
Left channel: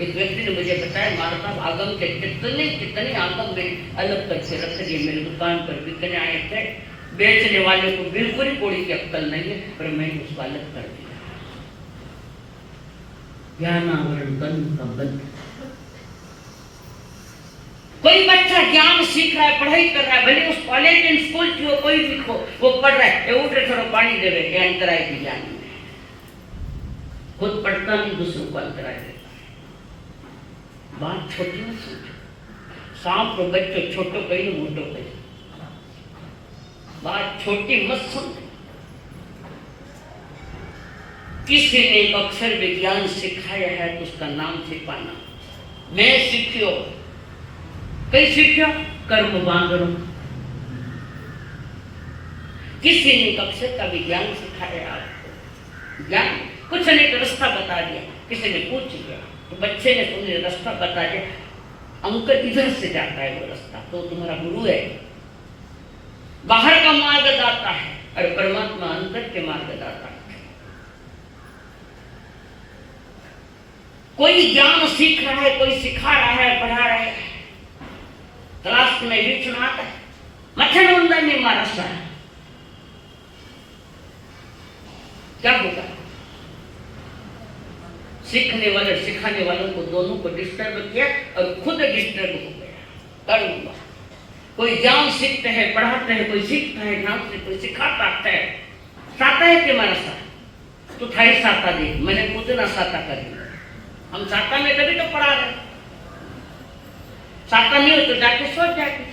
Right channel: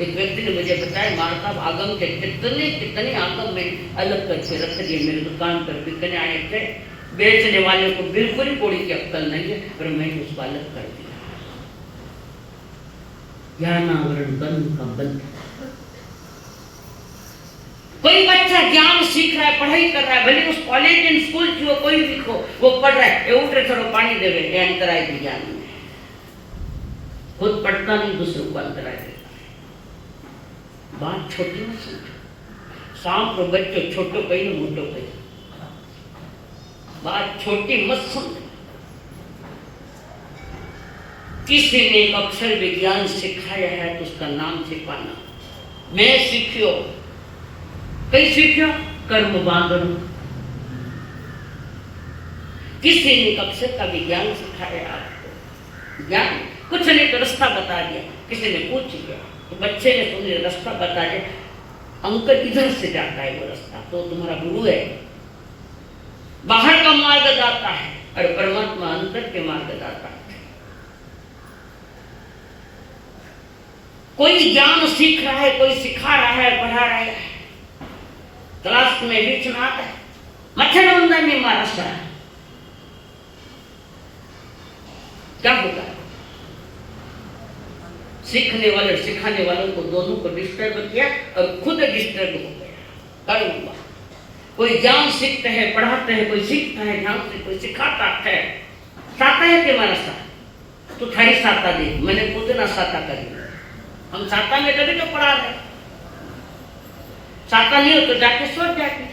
एक व्यक्ति ने मुझे बताया, मारा साहब आगम के कितने आगम में अलग करके रख दिए, मेरी दुकान पर बिकने आए थे। बेचने वाले को बिल्कुल ही कोड़ी की अक्कल नहीं है, पर मैंने उसको अलग कर दिया। ज्ञानावरण कर्म का बंध। कोई बच्चा ज्ञान सीख रहा है, पढ़ाई कर रहा है, भले उस कॉलेज इन स्कूल की वो कोई भी हो, वो पढ़ रहा है, ये उठ रहे थोड़ा पानी दे रहे, ये अंतराय की ज्ञान में खुद पढ़ता नहीं, दूसरों को अंतराय देता है। बात छोटी मत समझो, सांप और बच्चों छोटो कहीं मोटो कहीं, बात छोटी मत समझो। किसी ने एक अक्षर विज्ञान सिखाया है तो उसका नाम सिखाना। मैं सीखियो, कई सीखियो कर्म बांधो। किसी ने एक अक्षर का विज्ञान सिखाया आपको, ज्ञान कुछ नहीं तो रास्ता बता दिया, किसी ने पूछ लिया तो बच्चे ने तुम्हें रास्ता बता दिया, अंकल इधर से जाता है वो रास्ता, तो तुम्हारा गुरु है। बाहर का मार्ग दाता है और परमात्मा अंदर के मार्ग दाता है। कोई ज्ञान सीख रहा है, कोई सिखा रहा है, पढ़ा रहा है, क्लास में बीच में आता है, मच्छर में मारा सा क्या होगा? सीखने वाले सिखाने वालों को दोनों को डिस्टर्ब किया और खुद डिस्टर्ब हो गया। करूंगा कोई ज्ञान सीखते हैं, पढ़ाते हैं, कोई सीखता है ध्यान से, कोई सिखाता है, साता है कि मारा सा तो थारी साता दे, मैंने खुद ना साता करी। हम साता में तभी तो पढ़ा रहे, साता नहीं हो तो जाके सोच जाते,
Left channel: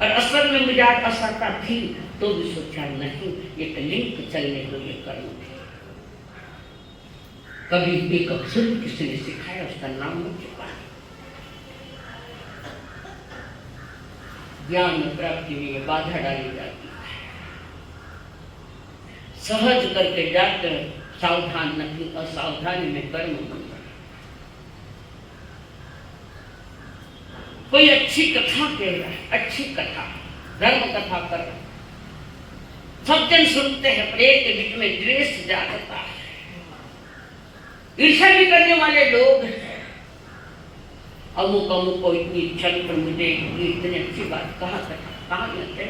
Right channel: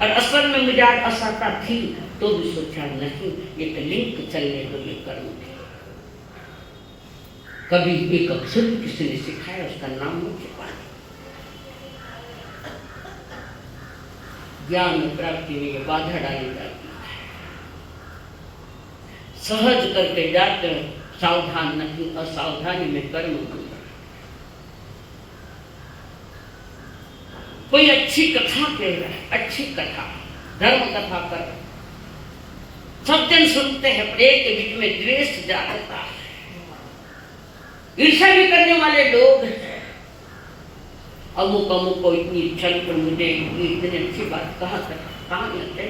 और असल में मिजाज असाता थी तो भी सोचा नहीं, ये तो लिंक चलने तो ये कर्म थे। कभी एक अक्षर किसी ने सिखाया, उसका नाम हो चुका। ज्ञान प्राप्ति में ये बाधा डाली जाती है, सहज करके जाते सावधान नहीं, असावधानी में कर्म बन। कोई अच्छी कथा कह रहा है, अच्छी कथा, धर्म कथा कर, सब जन सुनते हैं, पर एक के बीच में द्वेष जागता है, ईर्ष्या भी करने वाले लोग हैं। अमुक अमुक को इतनी छल पर मुझे इतनी अच्छी बात कहाँ मिलते,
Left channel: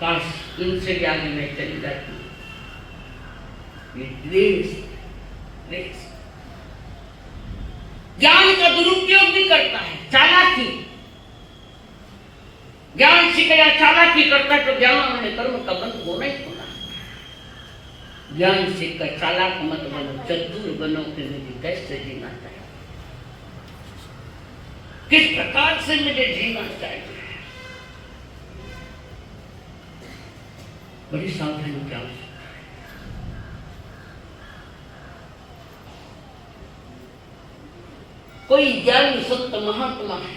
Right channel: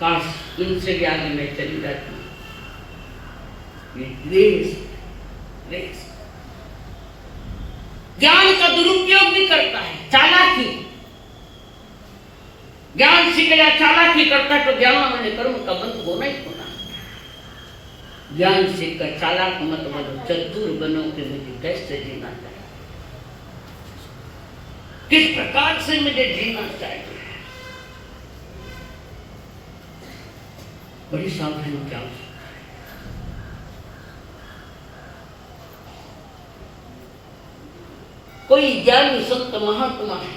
काश इनसे भी आगे में चली जाती। द्वेष ज्ञान का दुरुपयोग भी करता है, चालाकी, ज्ञान सीख गया चालाकी करता है तो ज्ञान में कर्म का बंध होना ही होना। ज्ञान सीखकर चालाक मत बनो, चतुर बनो कि मुझे कैसे जीना चाहिए, किस प्रकार से मुझे जीना चाहिए, बड़ी सावधानी क्या। कोई ज्ञानी संत महात्मा है,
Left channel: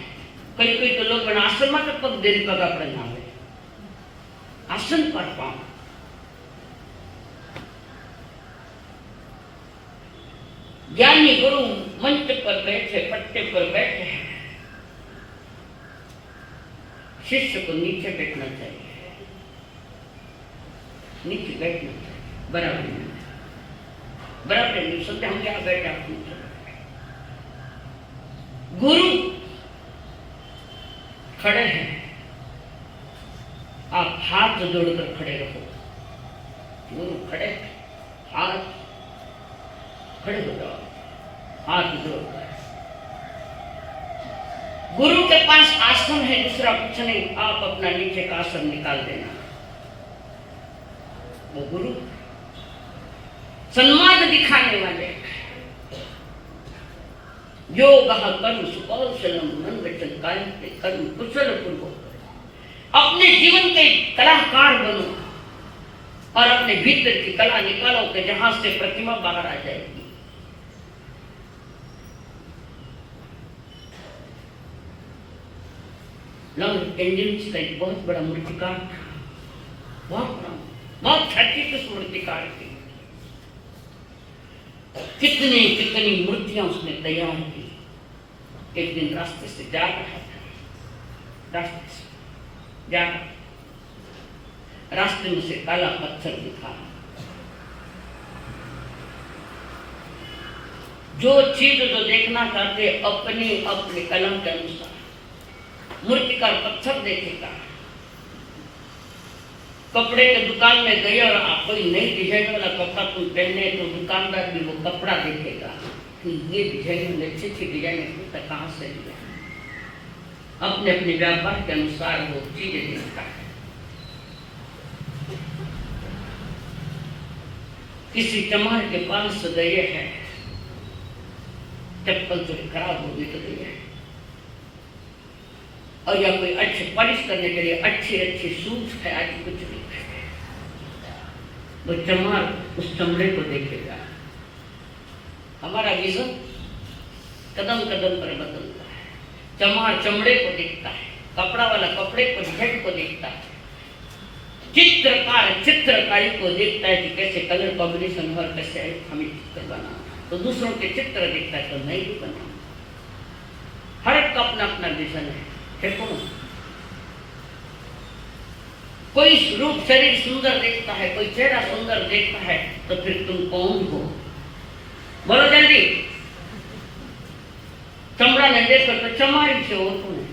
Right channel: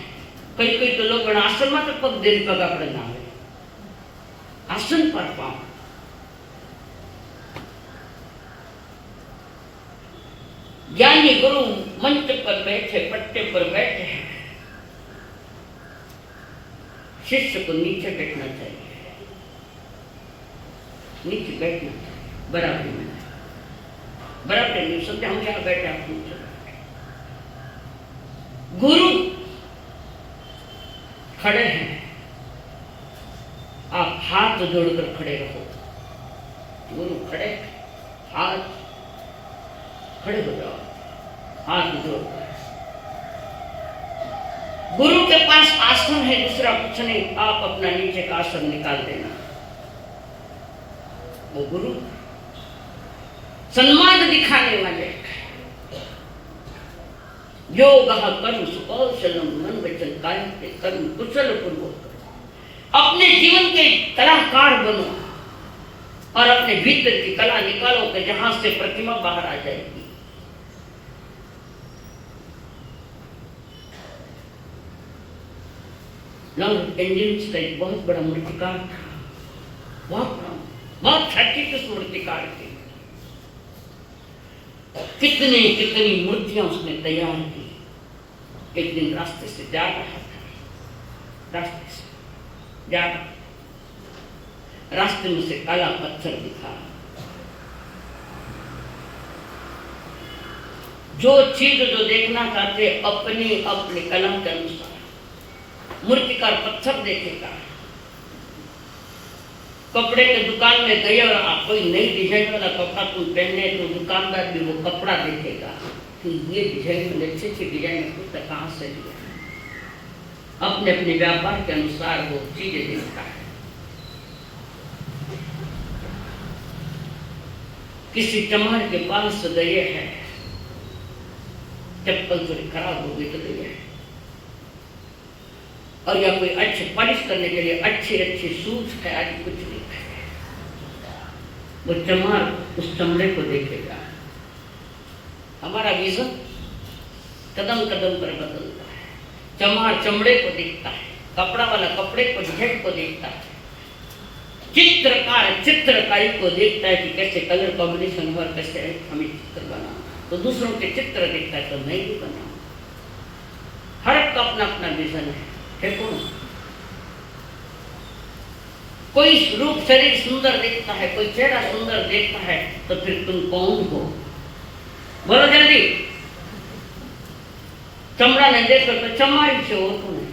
कई कई तो लोग आश्रम में पग देने पगा पड़ना है, आसन पर पाओ, ज्ञानी गुरु मंच पर बैठे, पट्टे पर बैठे हैं, शिष्य को नीचे बैठना चाहिए, नीचे बैठना चाहिए, बराबर नहीं सोचते हम क्या बैठा। गुरु खड़े हैं, आप हाथ जोड़कर खड़े रहो, गुरु खड़े, हाथ खड़े हो जाओ, हाथ जोड़कर। गुरु के पास आसन है, दूसरा कुछ नहीं, आप अपना नीचे का आसन निकाल देना। वो गुरु सम्मान दिखाने वाले, योग कर्म सुकौशलम मन वचन कायम कर्म कुशल पूर्वक। अपने जीवन के कलाकार बनो और अपने भीतर की कला निकालो कि जहां से प्रतिमा बाहर आ जाएगी। लॉस एंजलिस का एक बहुत बड़ा मूर्तिकार था, बहुत ख्याति मूर्तिकार थी, कितनी कितनी मूर्तियां उसने तैयार की। एक दिन रास्ते से जा रहा था, रास्ते में से काला पत्थर दिखा। जो चीज जो देखना चाहते अपनी अपनी कला के अनुसार मूर्तिकार पत्थर देखेगा, कपड़े की दुकान में गए और कोई नई डिजाइन वाला कपड़ा तुम पहने तो दुकानदार भी वो कपड़ा देखेगा कि ये डिजाइन में अच्छी अच्छी डिजाइन कहाँ से लिया। अपने अपने व्यापार के अनुसार वो चीजें देखता है। किसी चमार के पास गए हैं, चप्पल थोड़ी खराब हो गई तो गई है, और या कोई अच्छे पॉलिश करने के लिए अच्छी अच्छी शूज है, आज कुछ नहीं है। वो चमार उस चमड़े को देखेगा। हमारा विजन कदम कदम पर बदलता है। चमार चमड़े को देखता है, कपड़ा वाला कपड़े को, डिजाइन को देखता है, चित्रकार चित्रकारी को देखता है कि कैसे कलर कॉम्बिनेशन और कैसे हमें चित्र बनाना। तो दूसरों के चित्र देखता है तो नहीं भी बने। हर एक का अपना अपना विजन है। कोई रूप शरीर सुंदर देखता है, कोई चेहरा सुंदर देखता है, तो फिर तुम कौन हो? बोलो जल्दी। चमड़ा ने देखो तो चमारी से हो कौन?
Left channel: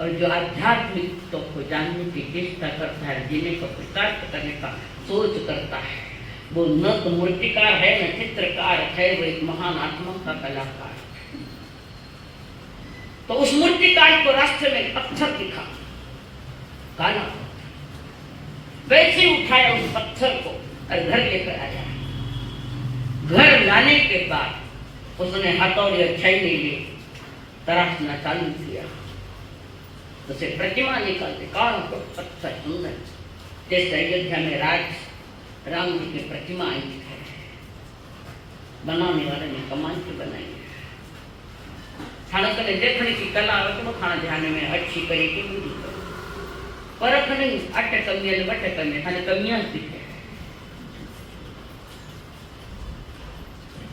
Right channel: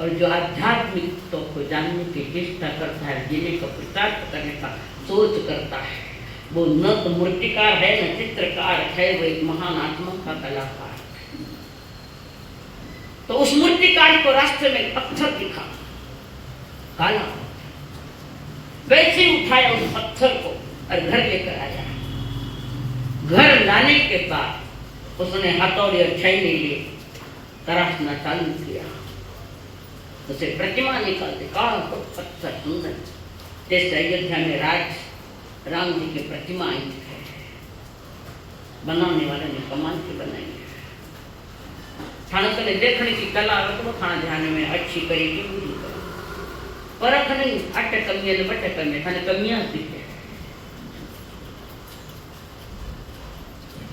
और जो आध्यात्मिक तो को जानने की चेष्टा करता है, जीने का पुरुषार्थ करने का सोच करता है, वो न तो मूर्तिकार है न चित्रकार है, वो एक महान आत्मा का कलाकार। तो उस मूर्तिकार को रास्ते में पत्थर दिखा, काला, वैसे उठाया उस पत्थर को और घर लेकर आया। घर लाने के बाद उसने हथौड़ी और छैनी लिए तराशना चालू किया। उसे प्रतिमा निकालते, काला पत्थर सुंदर, जैसे अयोध्या में राम जी की प्रतिमा आई है, बनाने वाले ने कमाल की बनाई है। थाना कने देखने की कला रखो, थाना ध्यान में अच्छी करी की बुरी पर अखने अट्टे कमियां ने बट्टे कमियां थाने कमियां दिखे।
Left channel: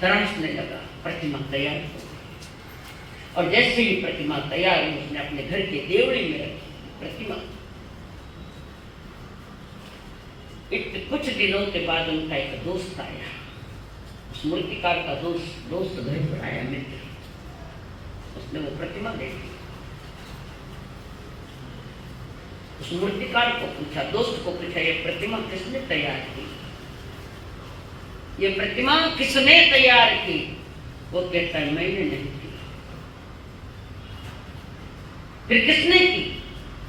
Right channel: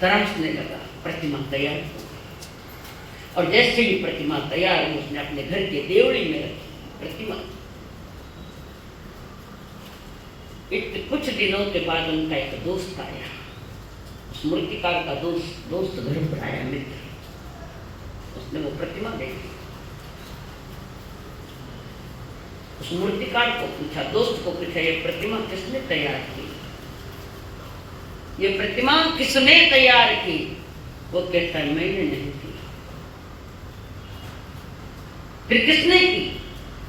तराशने लगा, प्रतिमा तैयार हो। और जैसे ही प्रतिमा तैयार हुई, उसने अपने घर के देवड़ी में रखी प्रतिमा। कुछ दिनों के बाद उनका एक दोस्त आया, उस मूर्तिकार का दोस्त घर पर आया, मित्र। उसने वो प्रतिमा देखी, उस मूर्तिकार को पूछा, दोस्त को पूछा, ये प्रतिमा किसने तैयार की? ये प्रतिमा किसने तैयार की? वो कहता है मैंने नहीं की। फिर किसने की?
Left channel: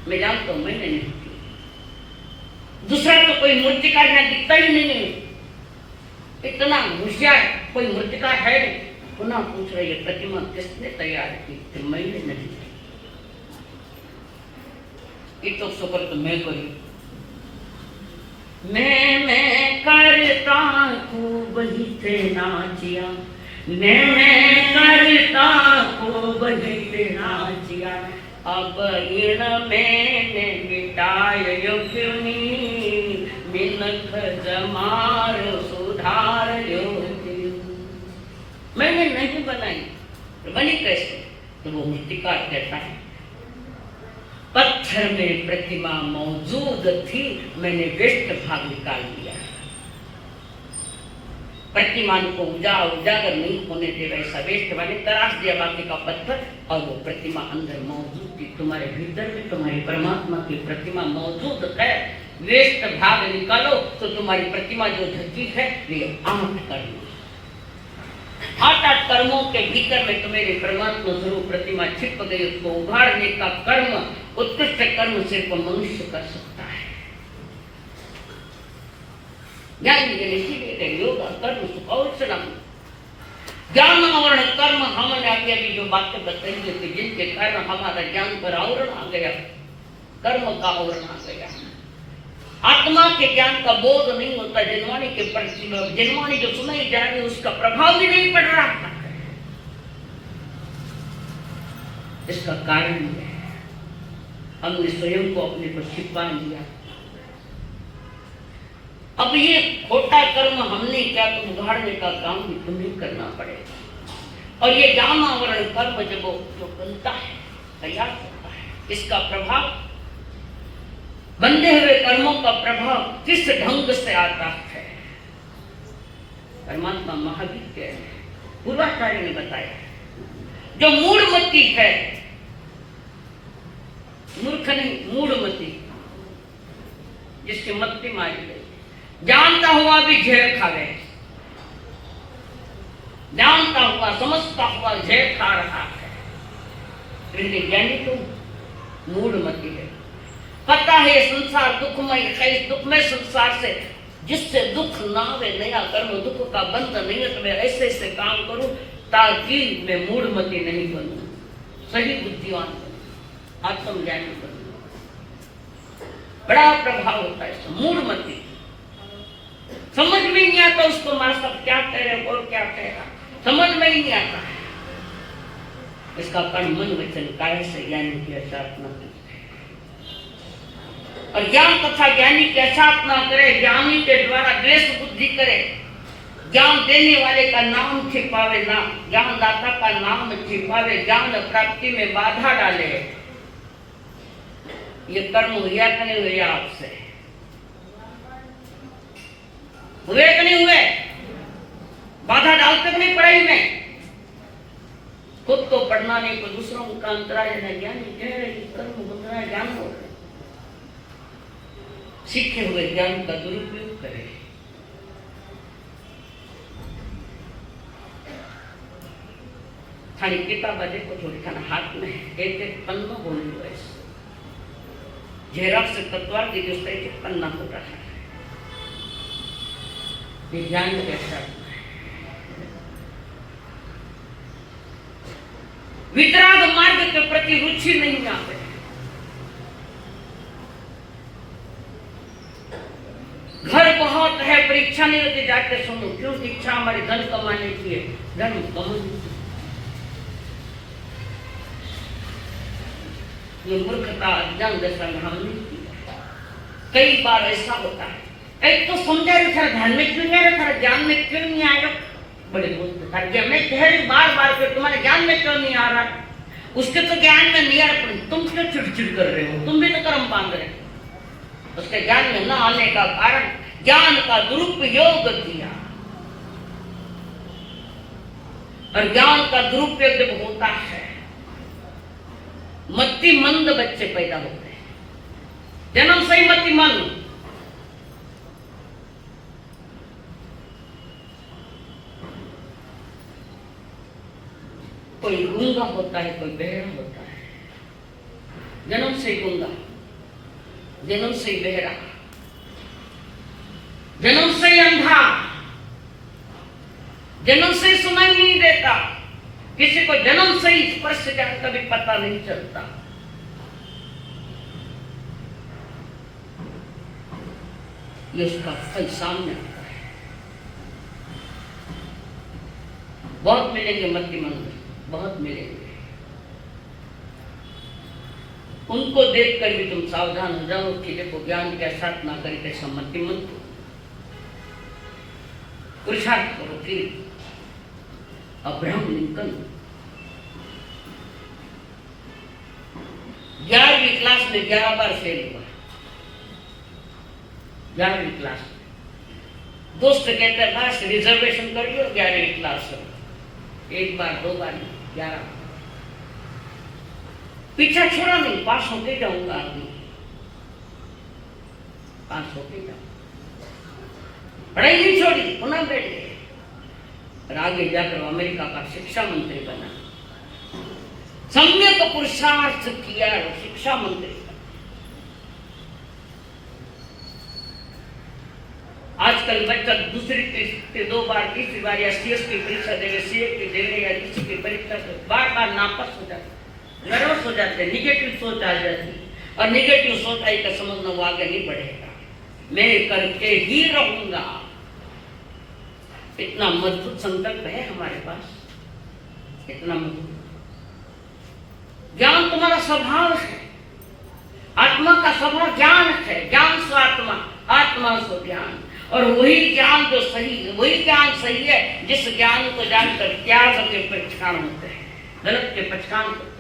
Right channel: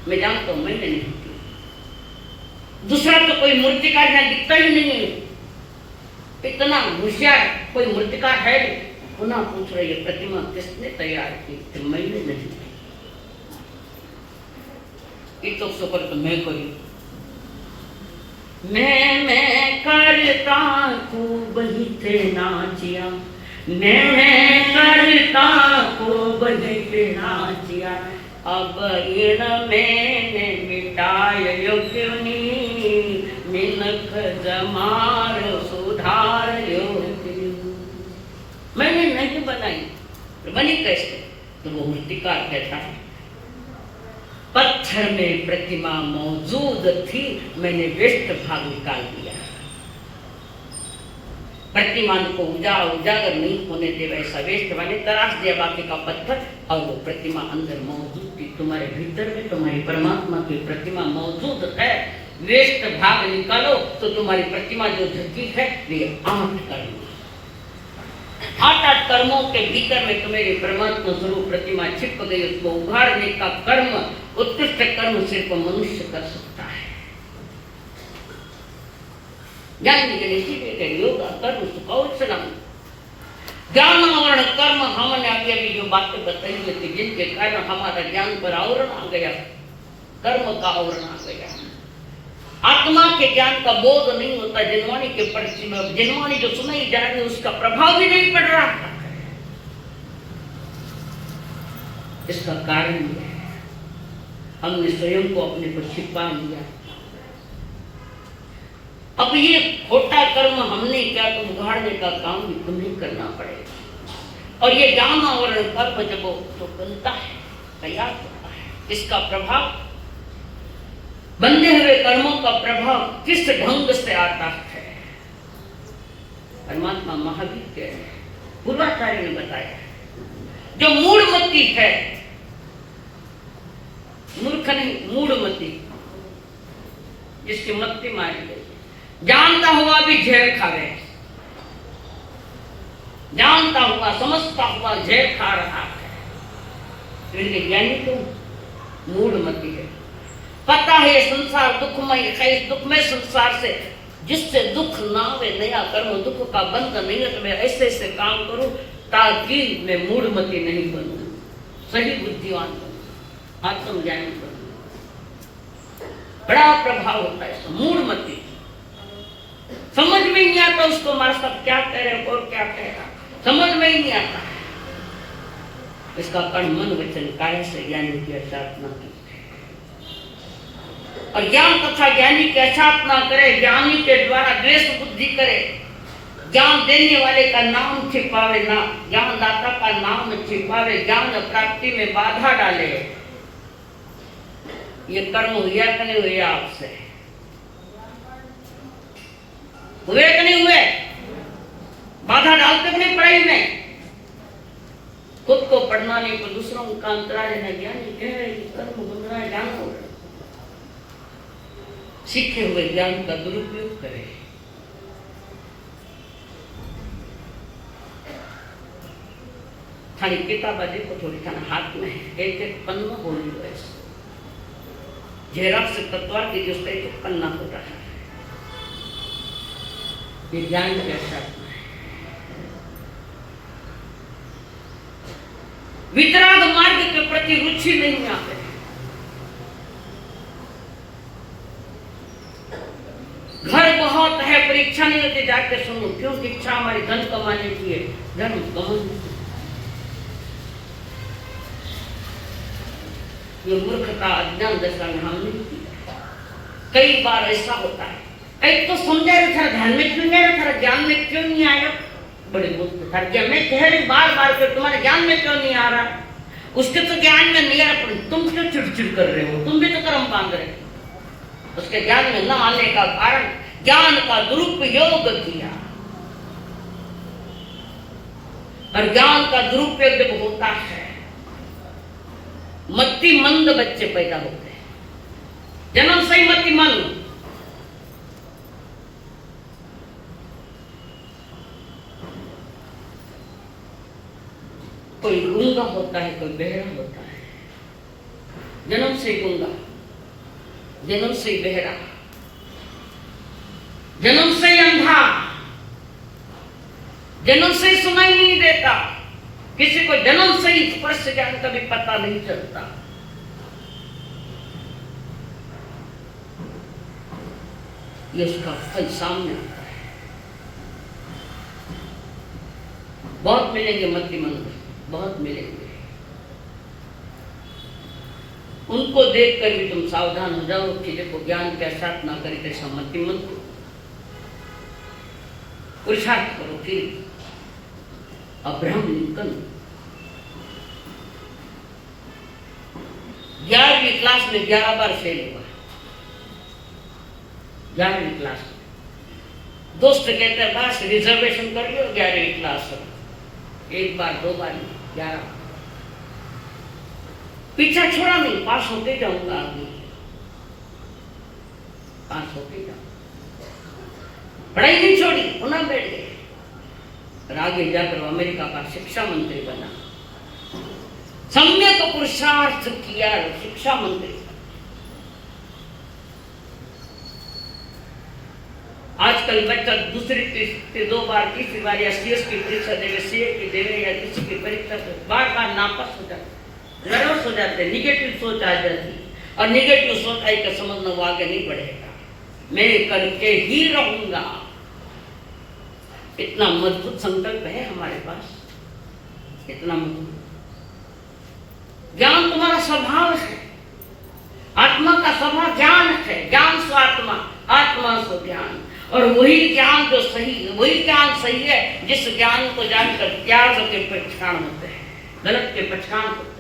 मैं जानता हूं, मैंने नहीं की। दूसरा तो कोई मूर्तिकार यहाँ दिखता ही नहीं है। इतना होशियार कोई मूर्तिकार है नहीं। पुनः पूछ रही है, प्रतिमा किसने तैयार की? कि मैंने नहीं की। तो सुपर तो मैं करी, मैं करता खूब ही थे नाचिया, मैं करता खूब ही थे नाचिया, अब इन मैंने मिटायो क्यों नी, मिनख जमार सुधारियो। मैंने नहीं बनाई, तो बनी कैसे? तो वो मूर्तिकार कहता है, पत्थर में प्रतिमा मौजूद थी, मैंने वेस्ट भाग निकाल दिया। प्रतिमा को उजागर नहीं होने दे, वैसा वेस्ट वाले तराश दिया बाकी का पत्थर, और वो प्रतिमा अंदर मौजूद थी। तुम्हारे भीतर भी तुम्हारी परमात्मा की प्रतिमा मौजूद है। वेस्ट भाग निकालो तो तुम्हारी प्रतिमा जो धरती है वे 8 कर्म, 8 कर्मों के भीतर में तुम्हारी परमात्मा स्वरूप प्रतिमा छिप गई। उसको उभारने का कर्म, उत्कृष्ट कर्म सिर्फ मनुष्य कर सकता है। ज्ञान योग कर्म सुख और सलाम, ज्ञान आवरण कर्म। हमने अभी जो बातें बताई थी, जिनके कारण हमारा ज्ञान पर आवरण आ गया, कर्म का आवरण आ गया। आत्मा के ज्ञान का बोध नहीं होता, जिनवाणी के परिचय में जिनवाणी जो सुनाई जा रही उसका प्रभाव भी नहीं पड़ रहा। इसका कारण है हमने स्वयं को अपने को छिपा लिया। अब ये खोटा कर्म हमने क्या, तो उघाड़ने का काम भी तुम्हें करना पड़ेगा। और ये ज्ञान आवरण कर्म जब वो बनता है, तैयार होता है, इसका प्रभाव, बंधे हुए कर्मों का प्रभाव किस ढंग से आता है? परमात्मा महावीर के पूर्वाचार्य ने बताया, जो मूढ़मती है मूर्ख नहीं, मूढ़मती, जिसकी मत्ती मारी गई। जानता हुआ भी जहर खा गए, जानता हुआ समझता हुआ जहर खा रहा है। ज्ञानी तो मूढ़मती है। पता है ये संसार दुखमय है, इस दुखमय संसार से जिससे दुख ना आवे, नया कर्म दुख का बंध नहीं है, तो मैं ऐसे ऐसे काम करूं ताकि मैं मूढ़मती नहीं बनूं, सही बुद्धिवान बनूं, आत्मज्ञानी बनूं। बड़ा प्रभाव होता है मूढ़मती। समझ में नहीं आता उसको हमारा सब क्या कह रहे और क्या कहेगा, समझ में ही नहीं आता। इसका कर्म मन वचन कार्य से ज्ञानी की अर्थात्मा की, और ज्ञान तथा ज्ञानी की अर्थात्मा करे, ज्ञानी के द्वारा द्वेष बुद्धि करे, ज्ञान देने वाले का नाम छिपावे ना, ज्ञान दाता का नाम छिपावे, ज्ञान प्राप्ति में बाधा डाले। ये कर्म हुआ कि नहीं हुआ आपसे? हुए कि नहीं हुए? बाधा डालते कि नहीं पढ़ाई में? खुद को पढ़ना नहीं तो दूसरों का अंतराय है। ज्ञानी कह रहे कर्म बन रहा है, ज्ञान हो रहा है। सीखे हुए ज्ञान का दुरुपयोग करें। थारी किताब देखो थोड़ी खाना हाथ में एक एक पन्ना बोली लो ऐसे जेरॉक्स तत्वार की जो एक एक पन्ना होता है, ये ज्ञान के साथ वितराग मार्ग के प्रति रुचि नहीं आते। घर बहुत है, परीक्षा नहीं होती, जाके सुनो क्यों? इच्छा हमारी धन कमाने की है, धन कमाने। ये मूर्खता अज्ञान दशा में हमने की। कई बार ऐसा होता है, एक तो समझा रहे था ध्यान में क्यों नहीं आ रहा था, ज्ञान में क्यों नहीं आया? बड़े दोस्त था क्या मैं कह रही बार बार के तुम्हारे ज्ञान में क्यों नहीं आ रहा? उसके तो ज्ञान में नहीं आ रहा, तुम क्यों चिड़चिड़ कर रहे हो? तुम भी तो कर्म बांध रहे हो। उसके ज्ञान में न आने का कारण ज्ञान का दुरुपयोग किया, और ज्ञान का दुरुपयोग जब होता है मति मंद बच्चे पैदा होते हैं, जन्म से ही मति मंद। कोई गूंगा होता है, कोई बहरा होता है, जन्म से ही गूंगा, जन्म से ही बहरा, जन्म से ही अंधा, जन्म से ही सुनाई नहीं देता। किसी को जन्म से ही स्पर्श ज्ञान का भी पता नहीं चलता। ये उसका फल सामने आता है। बहुत मिलेंगे मतिमंद, बहुत मिलेंगे। उनको देखकर भी तुम सावधान हो जाओ कि देखो ज्ञान के साथ ना करके सम्मति मत पुरुषार्थ करो कि अब्राहम लिंकन 11वीं क्लास में 11 बार फेल हुआ। 11वीं क्लास में दोस्त कहते हैं बस रिजर्वेशन कर लो 11वीं क्लास में, एक बार दो बार 11 पीछा छोड़ा नहीं, पास होते जाऊंगा आदमी, पास होते जाऊंगा। पढ़ाई नहीं छोड़ी, पुनः बैठ गए और आगे जाकर अमेरिका का शिक्षा मंत्री बना। सम्यक पुरुषार्थ किया, शिक्षा मंत्री। आजकल बच्चा दूसरी तीसरी 2 बार तीसरी बार या सीएस की परीक्षा देवे, सीए की देवे या इसी की परीक्षा बार बार नापास हो जाते, नर्वस हो जाते, निगेटिव सोच आ जाती, और निगेटिव सोच आई का समझना वो आगे नहीं बढ़ेगा, मैं करके ही रहूंगा। इतना मजबूत संकल्प है हमारे पास, इतना मजबूत। ज्ञान तुम्हारा स्वभाव है, आत्मा का स्वभाव ज्ञान है, ज्ञान स्व आत्मा, आत्मा स्व ज्ञान। और वही ज्ञान जो सही है, वही ज्ञान सही है जिस ज्ञान को जानकर त्याग के पहचान होते हैं, गलत के पहचान होते हैं।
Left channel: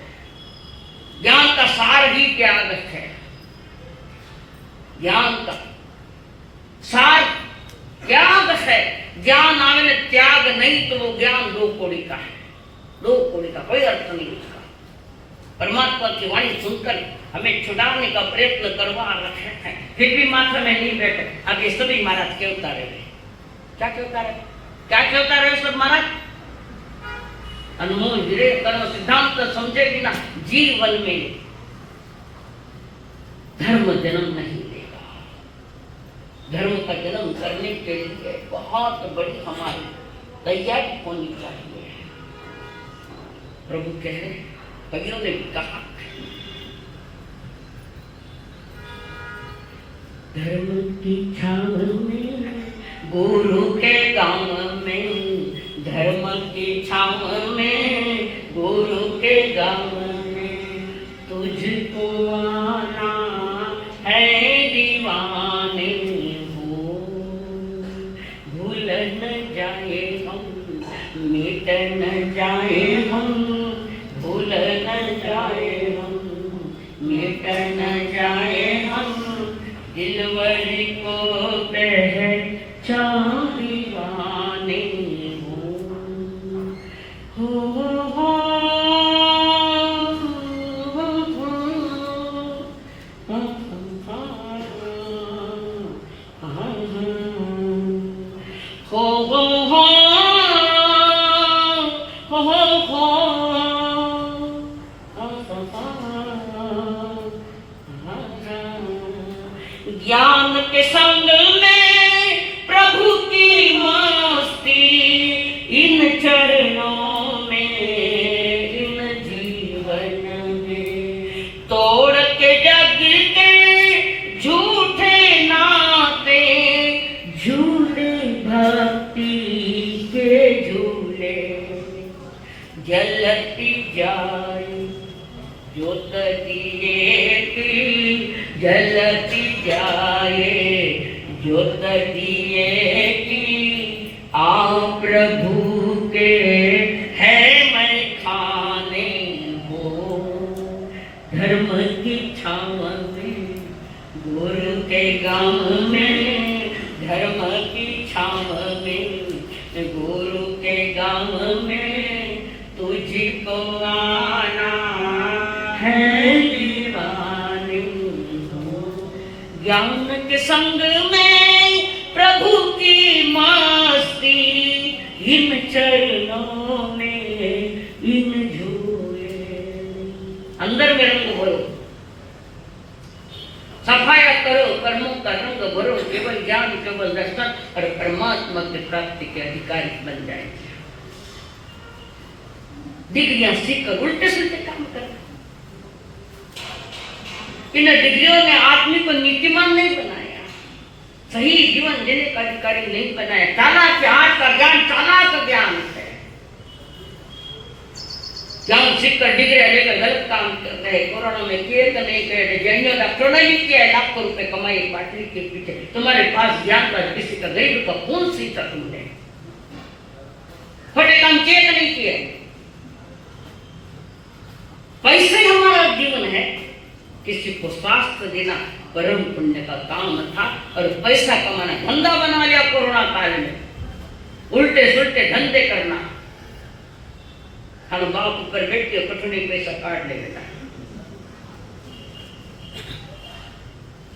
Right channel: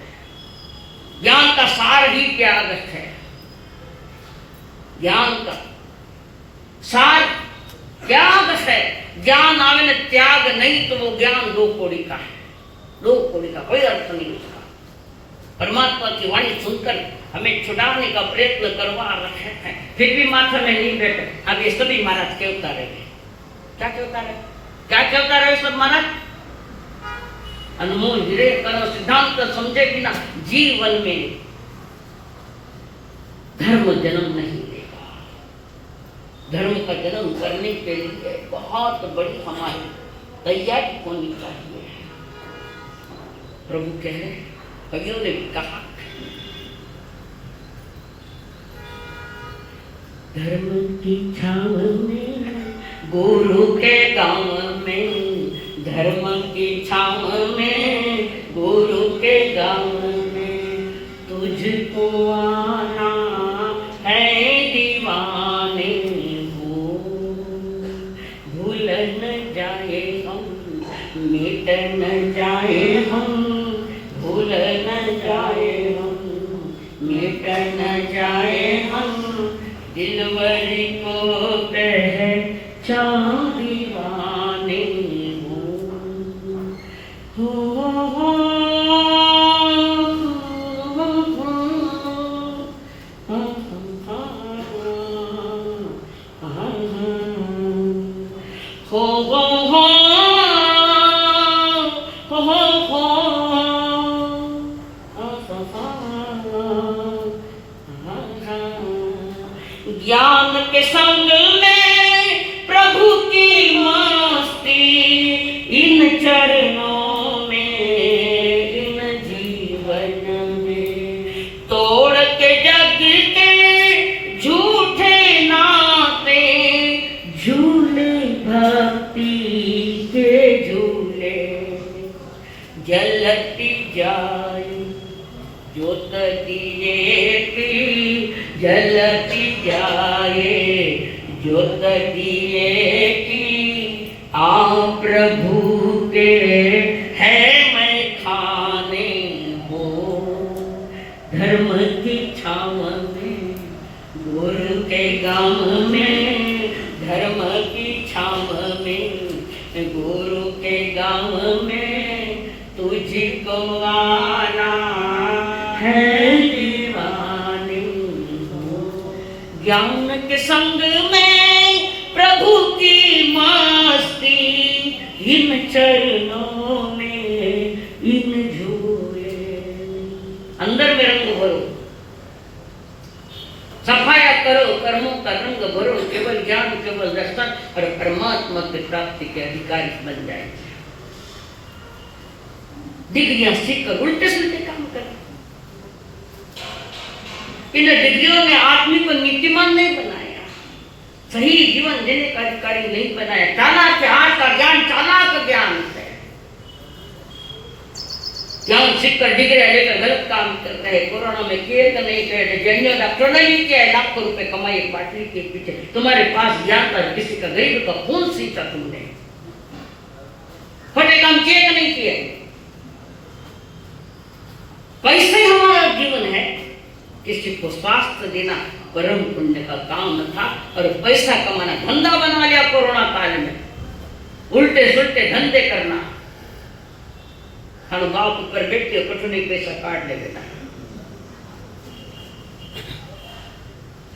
ज्ञान का सार ही त्याग है, ज्ञान का सार त्याग है। ज्ञान आवे न त्याग नहीं तो वो ज्ञान 2 कौड़ी का है, 2 कौड़ी का कोई अर्थ नहीं उसका। परमात्मा की वाणी सुनकर हमें छुड़ाने का प्रयत्न करवा रहे हैं, फिर भी माथा में नहीं बैठे। अब ये सभी महाराज कहता रहे, क्या कहता रहे, क्या कहता रहे सब महाराज? अनुभव धीरे करो, सिद्धांत समझे बिना जीवन में धर्म जन्म नहीं देगा। धर्म का जन्म करने के लिए बहुत बड़ी हमारी तैयारी होनी चाहिए। प्रभु कह रहे, कवियों ने कहा, धर्म की छाव में गुरु के गांव में, धर्म की छाव में गुरु के गांव में, तुझको आना है दीवाने हो, भूल न जाए हम, मिट न जाए हम, भूल न जाए हम, मिट न जाए हम, दिलवरी को पहचान दीवाने हो। ज्ञान के संग में प्रभु की मस्ती, इन चरणों में, इन जीवन में, तोड़ के जग के झूठे नाते, झूले भक्ति के झूले, जलती जाए ज्योत दिए की, जलती जाए ज्योत दिए की, आ प्रभु के है मैं खाने हो, धर्म की छाव में गुरु के गांव में, धर्म की छाव में गुरु के गांव में, तुझको आना है दीवाने हो। ज्ञान के संग में प्रभु की मस्ती, इन चरणों में, इन झूले, अंदर में रंग भरो, सफाया करो, कर्मों का रंग भरो, केवल ज्ञान, केवल दर्शन और परमात्मा की प्राप्ति के अधिकारी बन जाए। डिग्रियां सीखकर उल्टे सीधे काम करें। इन डिग्रियों ने आदमी को नीतिमान नहीं बनाया, सही जीवन जीने का अधिकारी नहीं बनाया। चालाक आज का ज्ञान चालाक ज्ञान है। ज्ञान सीखकर डिग्रियां लेकर गलत काम करते हैं। कोरोना में किए तो नहीं किए, जैनियों डॉक्टरों ने भी किया, लाखों रुपए कमाए पार्टी के पीछे। तुम्हारे पास ज्ञान का, किसी का गरीब का खून सींचा तुमने, खोटे काम किए तो नहीं किए। पैसे हमारा जीवन है, किसी को स्वास्थ्य देना परम पुण्य का काम था, और पैसा कमाना धंधा बना लिया कोरोना काल में, उल्टे सुल्टे धंधे करना। हम बाप ऊपर बैठ के कठिन पैसा काट ले बेटा,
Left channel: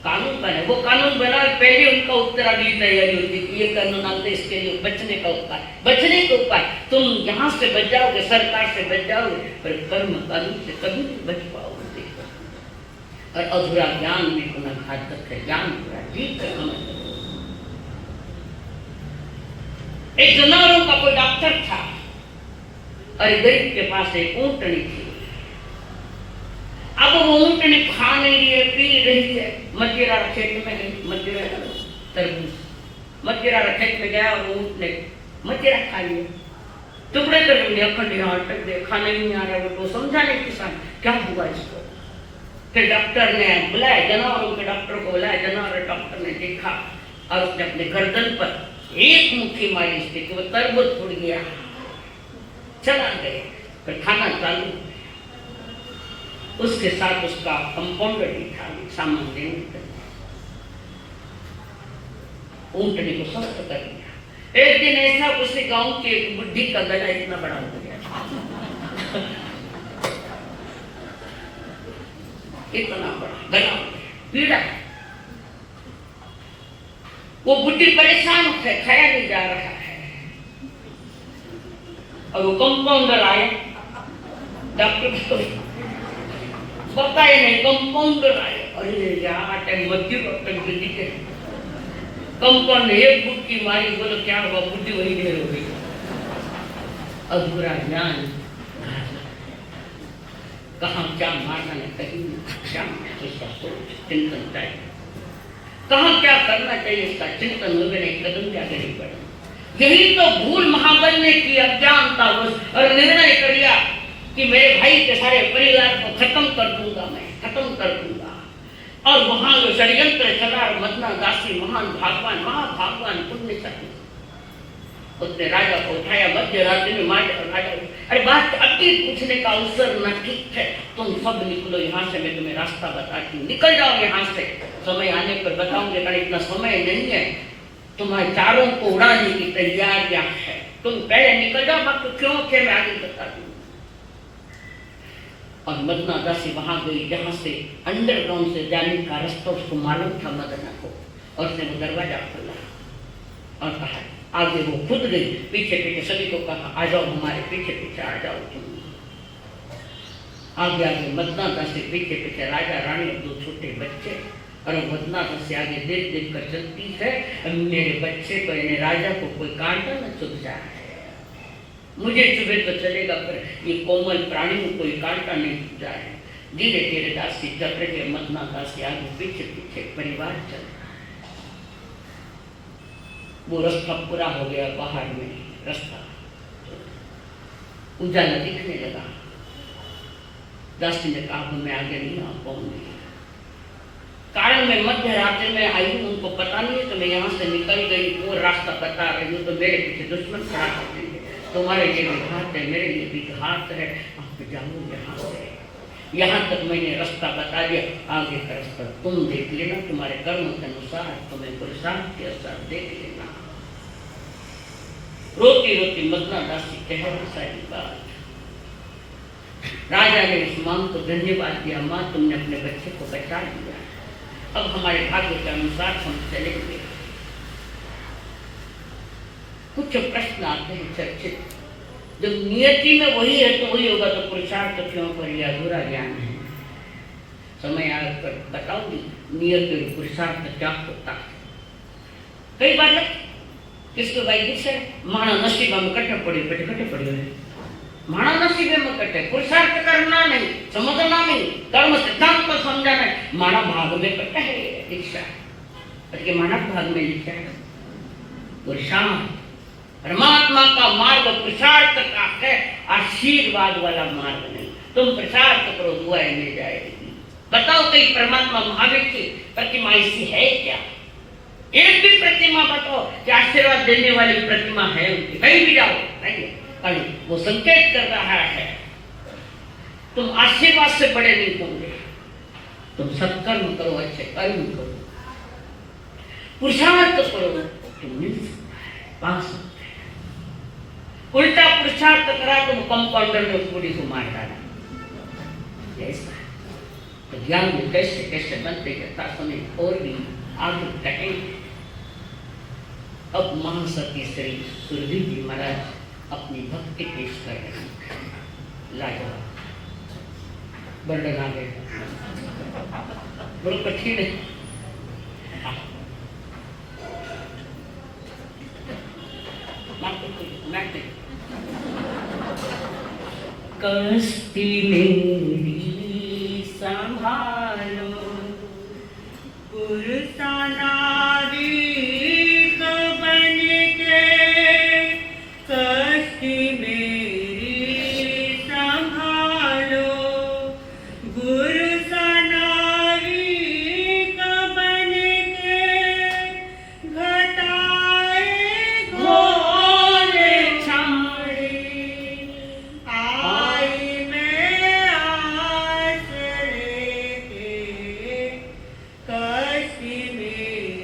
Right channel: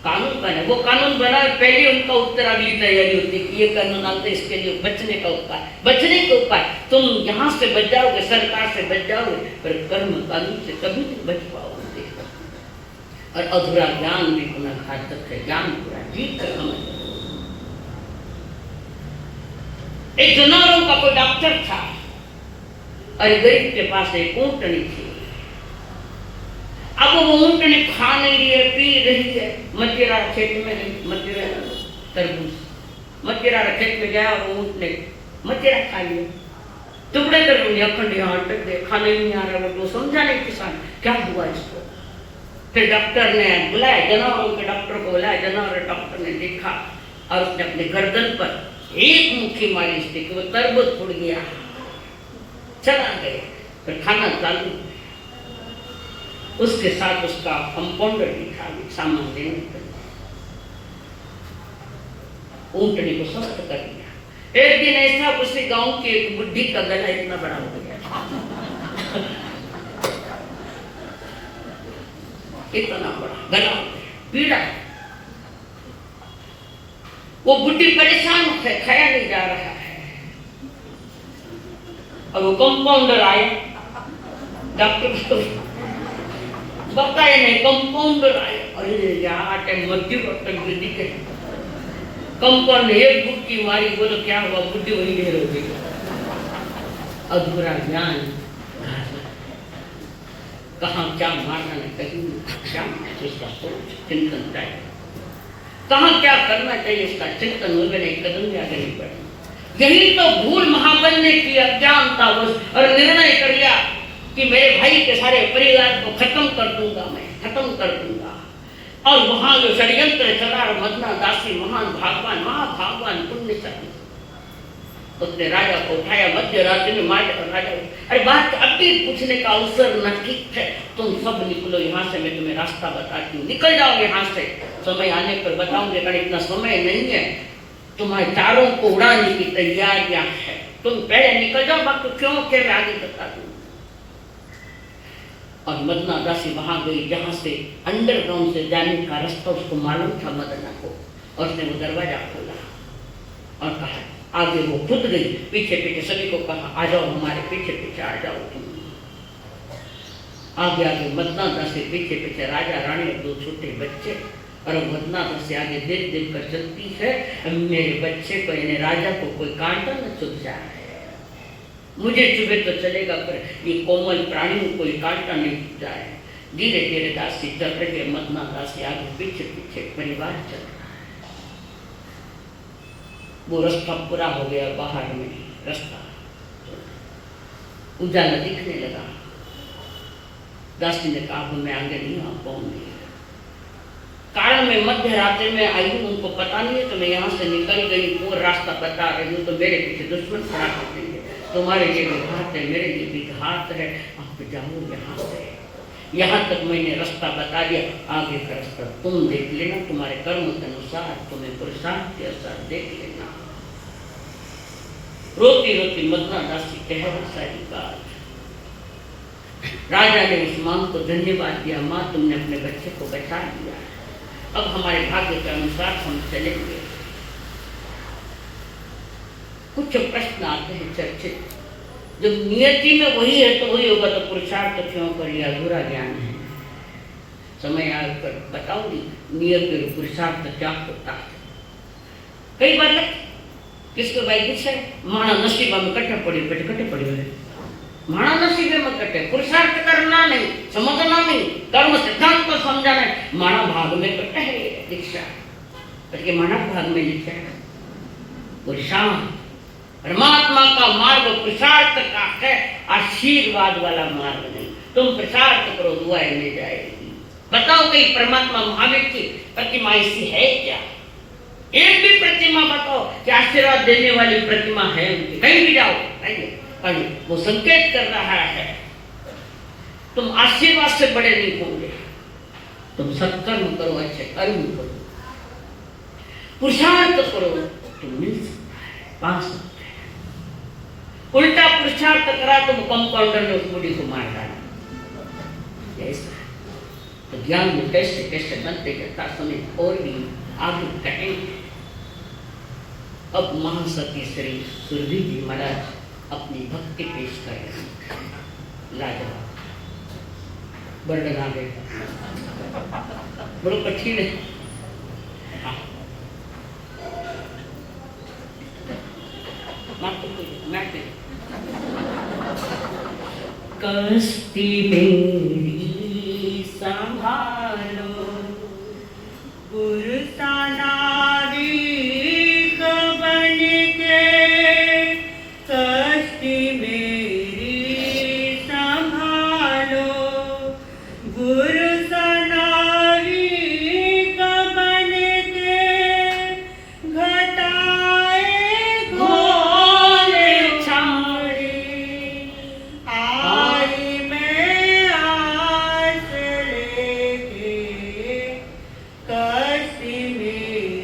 कानून बना, वो कानून बना, पहले उनका उत्तर अगली तैयारी होती कि ये कानून आता है, इसके लिए बचने का उपाय, बचने का उपाय। तुम यहाँ से बच जाओगे, सरकार से बच जाओगे, पर कर्म कानून से कभी नहीं बच पाओगे। और अधूरा ज्ञान में होना घातक है। ज्ञान पूरा ठीक तक समझ। एक जानवरों का कोई डॉक्टर था, और गरीब के पास एक ऊंटनी थी। अब वो ऊंटनी खा नहीं रही है, पी रही है। मदिरा खेत में, मदिरा तरबूज, मदिरा खेत में गया और ऊंट ने मदिरा खा लिया। टुकड़े कर दिया, अखंड यहाँ अटक गए, खाना ही नहीं आ रहा। वो तो समझा नहीं किसान क्या हुआ इसको। फिर डॉक्टर ने बुलाया, जानवरों के डॉक्टर को बुलाया। जानवर डॉक्टर ने देखा और उसने अपने गर्दन पर एक मुट्ठी मारी उसने कि वो तरबूज फूट गया, चला गया। फिर खाना चालू, उसके साथ उसका कंपाउंडर भी था, सामान देने। ऊंटने को स्वस्थ कर दिया। एक दिन ऐसा उसी गांव की एक बुढ़ी का गला इतना बड़ा हो गया, इतना बड़ा गला पीड़ा, वो बुढ़ी परेशान है, खाया नहीं जा रहा है। और वो कंपाउंडर आए, डॉक्टर तो बताए नहीं, कंपाउंडर आए। अरे यार मध्य के कंपाउंड एक बुक्की मारी, बोलो क्या हुआ, बुद्धि वही ढेर हो गई। अधूरा ज्ञान, कहाँ क्या मारना है, कहीं क्या इसका सोच चिंतन चाहिए, कहाँ क्या करना चाहिए इसका चिंतन हुए नहीं, कदम भी आगे नहीं बढ़े। यही तो भूल महाबल ने की, अज्ञानता और निर्णय कर लिया कि मेरे भाई के सारे परिवार को खत्म कर दूंगा, मैं खत्म कर दूंगा। और वहां जो षड्यंत्र चला, मदना दासी महान भगवान, महाभागवान पुण्यशाली, उसने राजा को उठाया, मध्य रात्रि में मार राजा। अरे बात अभी पूछने का अवसर न, ठीक है तुम सब निकलो यहाँ से, मैं तुम्हें रास्ता बताती हूँ, निकल जाओ यहाँ से, समय आने पर बताऊंगे, अगर इतना समय नहीं है, तुम्हारे चारों को उड़ाने की तैयारियां है, तुम पहले निकल जाओ, बाकी क्यों के मैं आगे बता दूँ। और मदना दासी वहां गई जहां से अंडरग्राउंड से जाने का रास्ता उसको मालूम था मदना को, और उसने वो दरवाजा खोला और कहा, आगे वो खुद गई, पीछे पीछे सभी को कहा, आ जाओ हमारे पीछे पीछे आ जाओ। आगे आगे मदना दासी, पीछे पीछे राजा रानी और दो छोटे बच्चे। और मदना दासी आगे देख देख कर चलती है, मेरे बच्चे को, राजा को कोई कांटा न चुभ जाए, मुझे चुभे तो चलेगा, पर ये कोमल प्राणी को कोई कांटा नहीं चुभ जाए। धीरे धीरे दासी चल रहे, मदना दासी आगे पीछे पीछे, परिवार चल रहा है। वो रास्ता पूरा हो गया, बाहर में रास्ता उजाला दिखने लगा। दासी ने कहा, मैं आगे नहीं आ पाऊंगी, कारण मैं मध्य रात्रि में आई हूँ, उनको पता नहीं है, तो मैं यहाँ से निकल गई, वो रास्ता बता रही हूँ, तो मेरे पीछे दुश्मन खड़ा कर देंगे, तुम्हारे लिए भी घात है, मेरे लिए भी घात है, आप जाओ यहाँ से। यहाँ तक मैंने रास्ता बता दिया, आगे का रास्ता तुम देख लेना, तुम्हारे कर्म के अनुसार, तुम्हें पुरुषार्थ के अनुसार देख लेना। रोती रोती मदना दासी कह सारी बात। राजा ने उस मां को धन्यवाद दिया, मां तुमने अपने बच्चे को बचा दिया, अब हमारे भाग्य के अनुसार हम चलेंगे। कुछ प्रश्न आते हैं चर्चित, जब नियति में वही है तो वही होगा, तो पुरुषार्थ क्यों पर यह अधूरा ज्ञान है। समय आकर बताऊंगी नियत और पुरुषार्थ क्या होता है। कई बार किसको भाई है माना नसीबा में कट्ठे पड़े हुए, माना नसीबे में कट्ठे, पुरुषार्थ करना नहीं, समझना नहीं, कर्म सिद्धांत को समझना है। माना भाग में कट्ठे है दीक्षा, porque मानव भाग में लिखा है पुरुषार्थ, परमात्मा का मार्ग पुरुषार्थ का है, आशीर्वाद वाला मार्ग नहीं। तुम पुरुषार्थ करो, दुआएं मिल जाएगी। बताओ कहीं परमात्मा महावीर की प्रतिमा ऐसी है क्या? एक भी प्रतिमा बताओ कि आशीर्वाद देने वाली प्रतिमा है उनकी, कहीं भी जाओ नहीं। वो संकेत कर रहा है तुम आशीर्वाद से बड़े नहीं होंगे, तुम सत्कर्म करो, अच्छे कर्म करो, पुरुषार्थ करो, तुम मिल सकता है, पा सकते हैं। उल्टा पुरुषार्थ करा तुम कंपाउंडर में उस बूढ़ी को मार डाला। तो ज्ञान में कैसे कैसे बनते जाता समय और भी आगे कहेंगे। अब महासती श्री सुरभि जी महाराज अपनी भक्ति पेश कर रहे हैं। लाजवाब वर्णन आ गए, बड़ो कठिन है। कष्टी मेरी संभालो, पुरुषा नारी बन के, कष्टी मेरी संभालो, गुरु सनारी बन के, घटाए घोरे छाड़ी, आई मैं आस लेके, कष्टी मेरी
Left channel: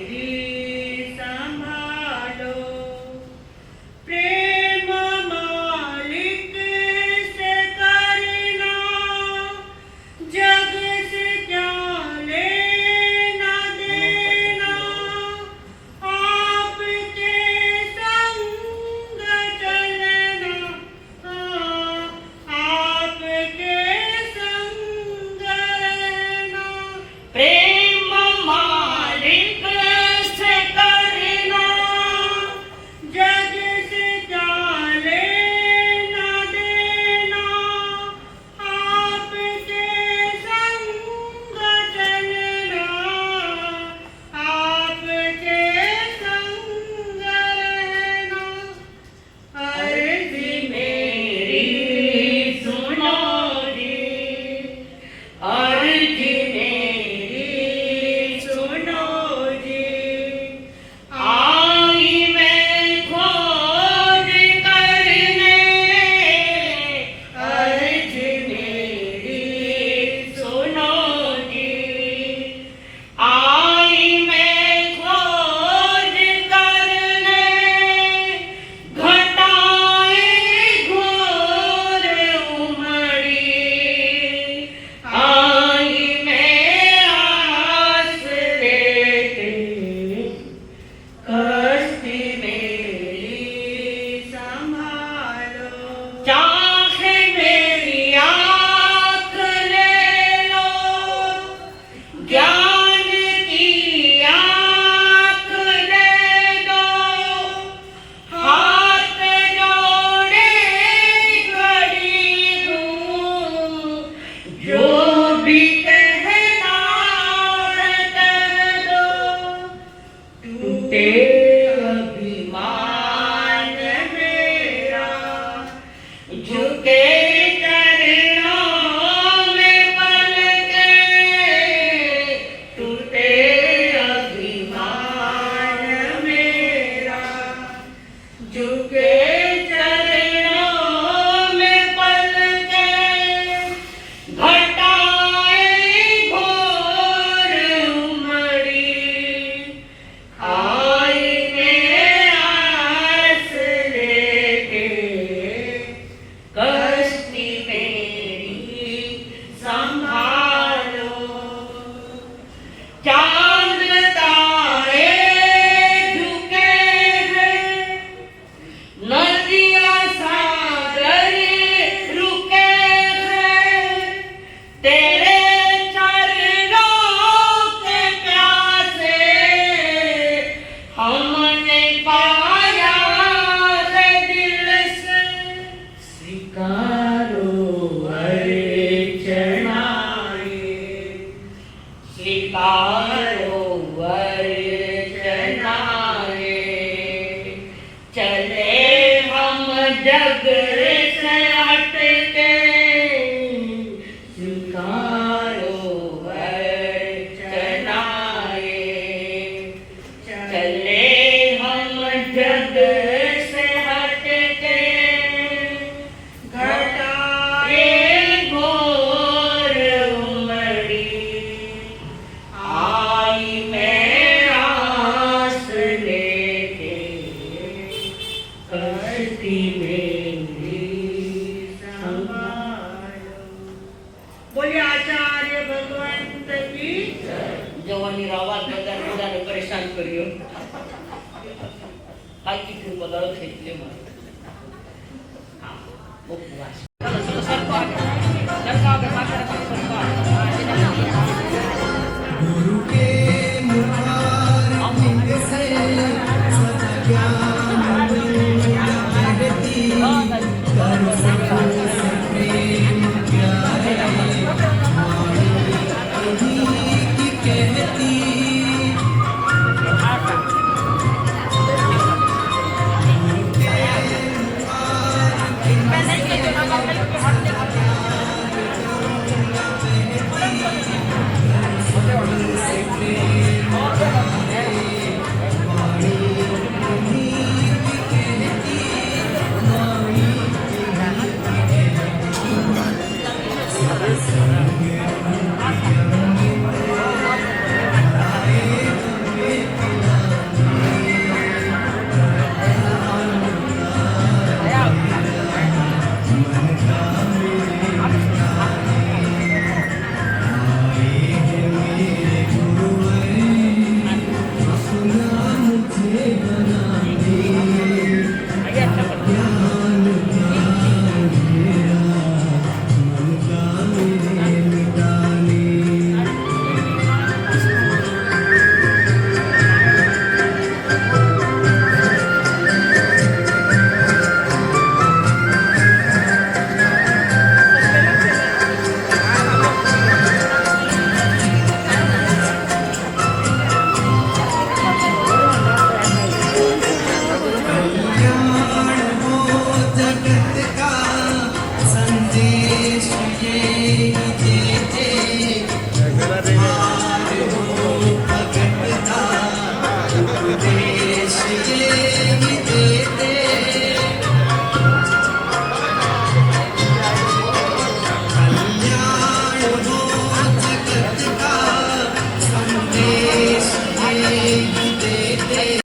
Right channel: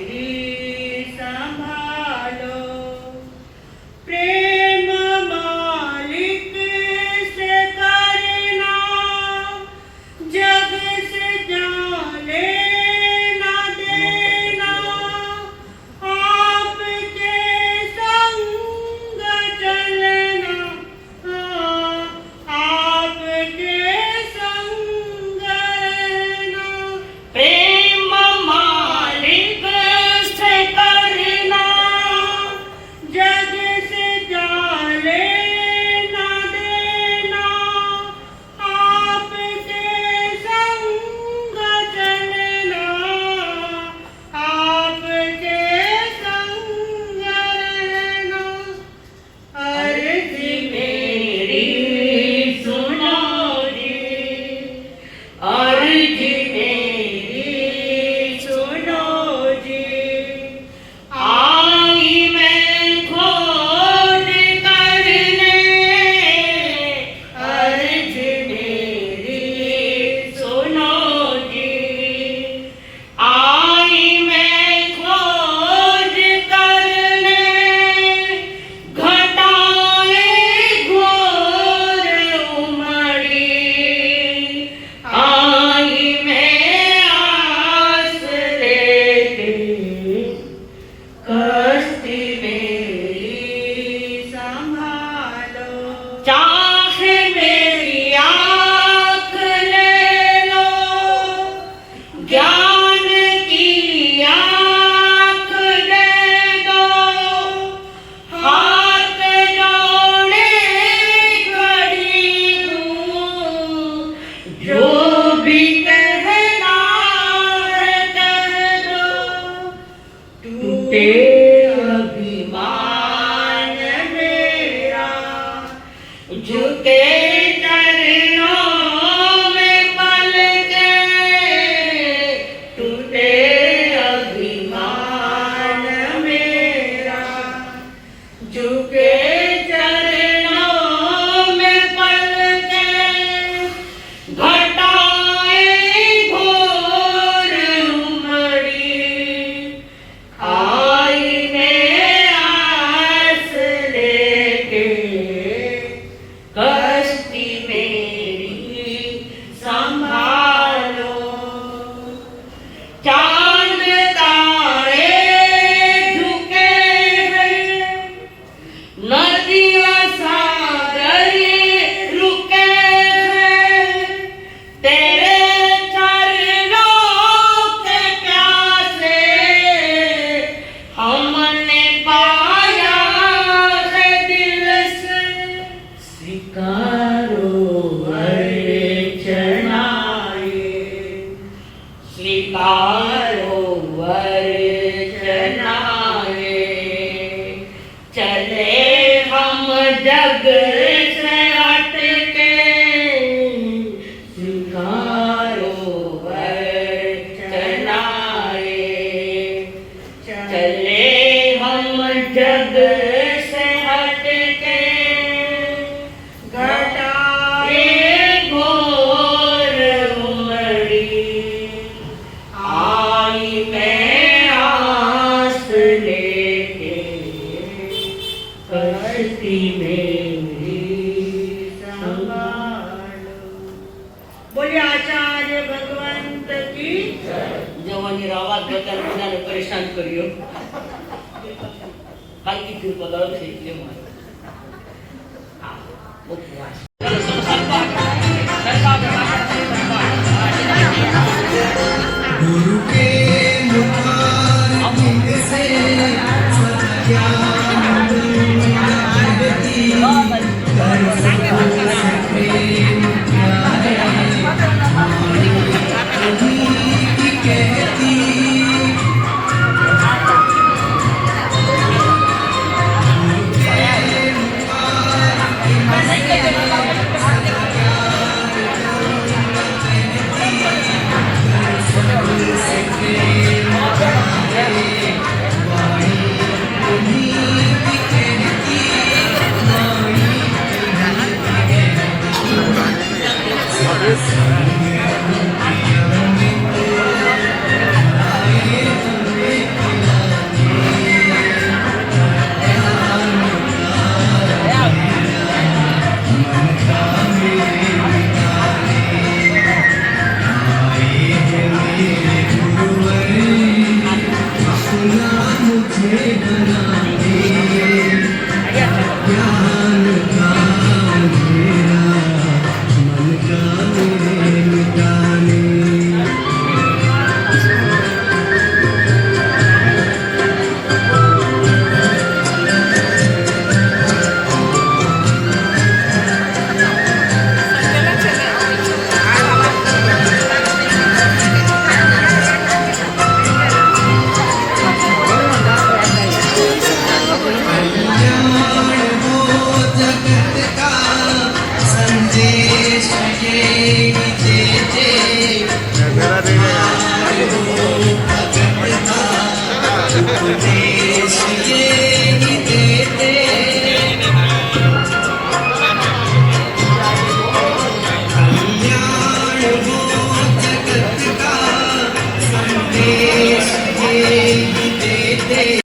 झुके चरणों में पल के घटाए घोर उमड़ी आई में आस लेके कश्ती मेरी संभालो चांद तारे झुके हैं नदियां सागर रुके हैं तेरे चरणों के प्यासे हमने पाया है दिल से स्वीकारो अर्चनाएं स्वीकारो अर्चनाएं चले हम जग से हट के स्वीकारो अर्चनाएं चले हम जग से हट के घटाए घोर उमड़ी आई मैं आस लेके कश्ती मेरी संभालो बोलिए आचार्य भगवंत की जवानी आवाज बदल बजाने परेशान करियो बाकी फिर बदल खेलते हैं उपवास चलो चलो सरकार सरकार गुरु के